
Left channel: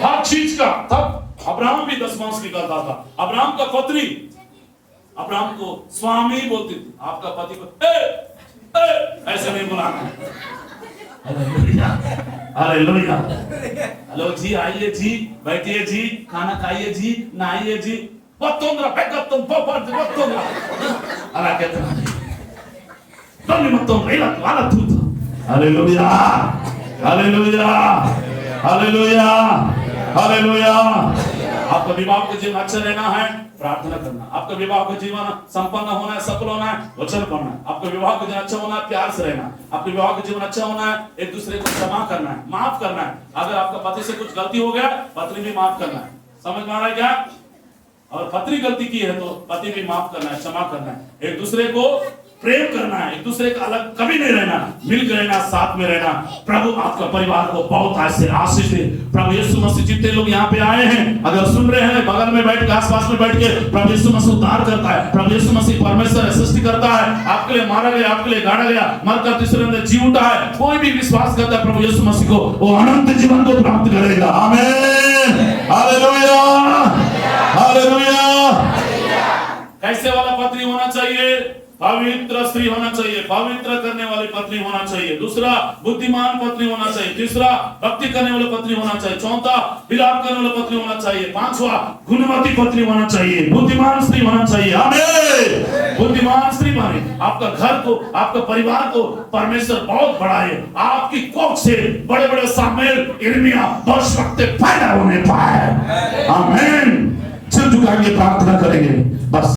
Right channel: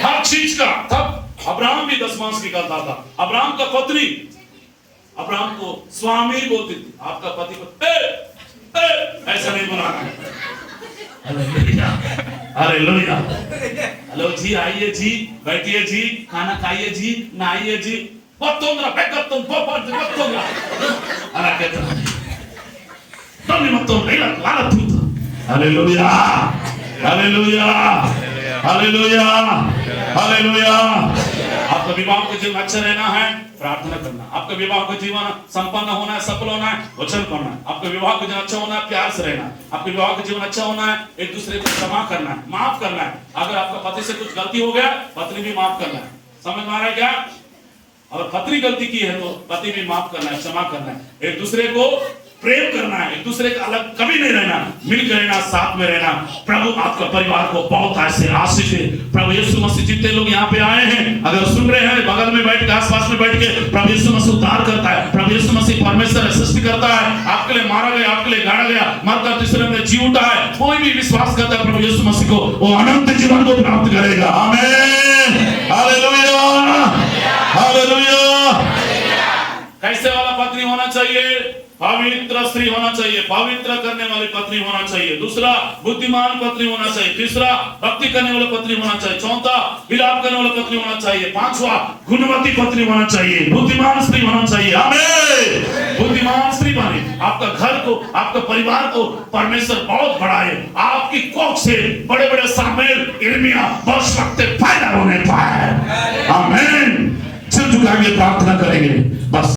हर चीज का। तब अब्राहम भी दशमांश निकालता था। अब्राहम का पत्नी अब्राहम को स्वामी बोलती थी। आपका पति को ऐसा नहीं बुलाना है। Hallelujah, hallelujah. हेलो जी, आइए जी, बैठिए जी, खाना खाइए जी, नहाइए जी। बत्तोंगरा बैकअप तुम बत्तोंगरा अला कहता है तुम नहीं बत्तोंगरा ये वाला तू। Hallelujah, hallelujah, hallelujah, hallelujah. आपका विवाह का जीवन अच्छा रहना है, प्रार्थना करना। आपका विवाह का जीवन संपन्न होना है, सफल होना है, वचन पढ़ना है। आपका विवाह का जीवन अच्छा होना है, प्यार से रहना। आपके विवाह का जीवन अच्छा होना है, एक दूसरे को क्षमा करना है, माफ करना है। अगर आपका पति से कुछ गलती हो गया, पत्नी भी माफ करना है। समझ में आ रहा है क्या? अगर पत्नी गलती की है तो पति भी माफ करना है, क्षमा करना है। एक दूसरे को प्रेम करना है, एक दूसरे का अलग कभी नहीं रहना, मिलकर रहना, साथ में रहना। प्रभु आपका परिवार को बहुत ऐसे आशीष दे। प्रभु यीशु मसीह जितने लोग यहाँ पे आए हैं, अगर सुन रहे हैं, बगल में बैठ के, आसपास में बैठ के, प्रभु यीशु मसीह उद्धार करता है। प्रभु यीशु मसीह परमेश्वर सृष्टि करता है। आपके लिए मारा गया, आपके लिए गाड़ा गया, मरकर तीसरे दिन जी उठा है। कोई भी विश्वास करता है प्रभु यीशु मसीह को, वो अनंत जीवन को प्राप्त करेगा। आमीन, हालेलुया, हालेलुया। कैसे वाला पत्नी होना चाहिए? पवित्र स्त्री होना चाहिए, पवित्र करने वाली पत्नी होना चाहिए। दूसरा, बुद्धिमान पत्नी होना चाहिए। तीसरा, भक्ति करने वाली पत्नी होना चाहिए। चौथा, विलाप करने वाली पत्नी होना चाहिए। पांचवा, गुणवती पत्नी होना चाहिए, बुद्धिमान स्त्री होना चाहिए। आमीन। बुद्धिमान स्त्री बने, आपका घर को, आपका परिवार को परमेश्वर बहुत बढ़ाए, आपकी कोख से बड़े बड़े सामेल, इर्मिया, भविष्यवक्ता पैदा होने पाए। आमीन। सिर झुकाएंगे, प्रार्थना करेंगे बस।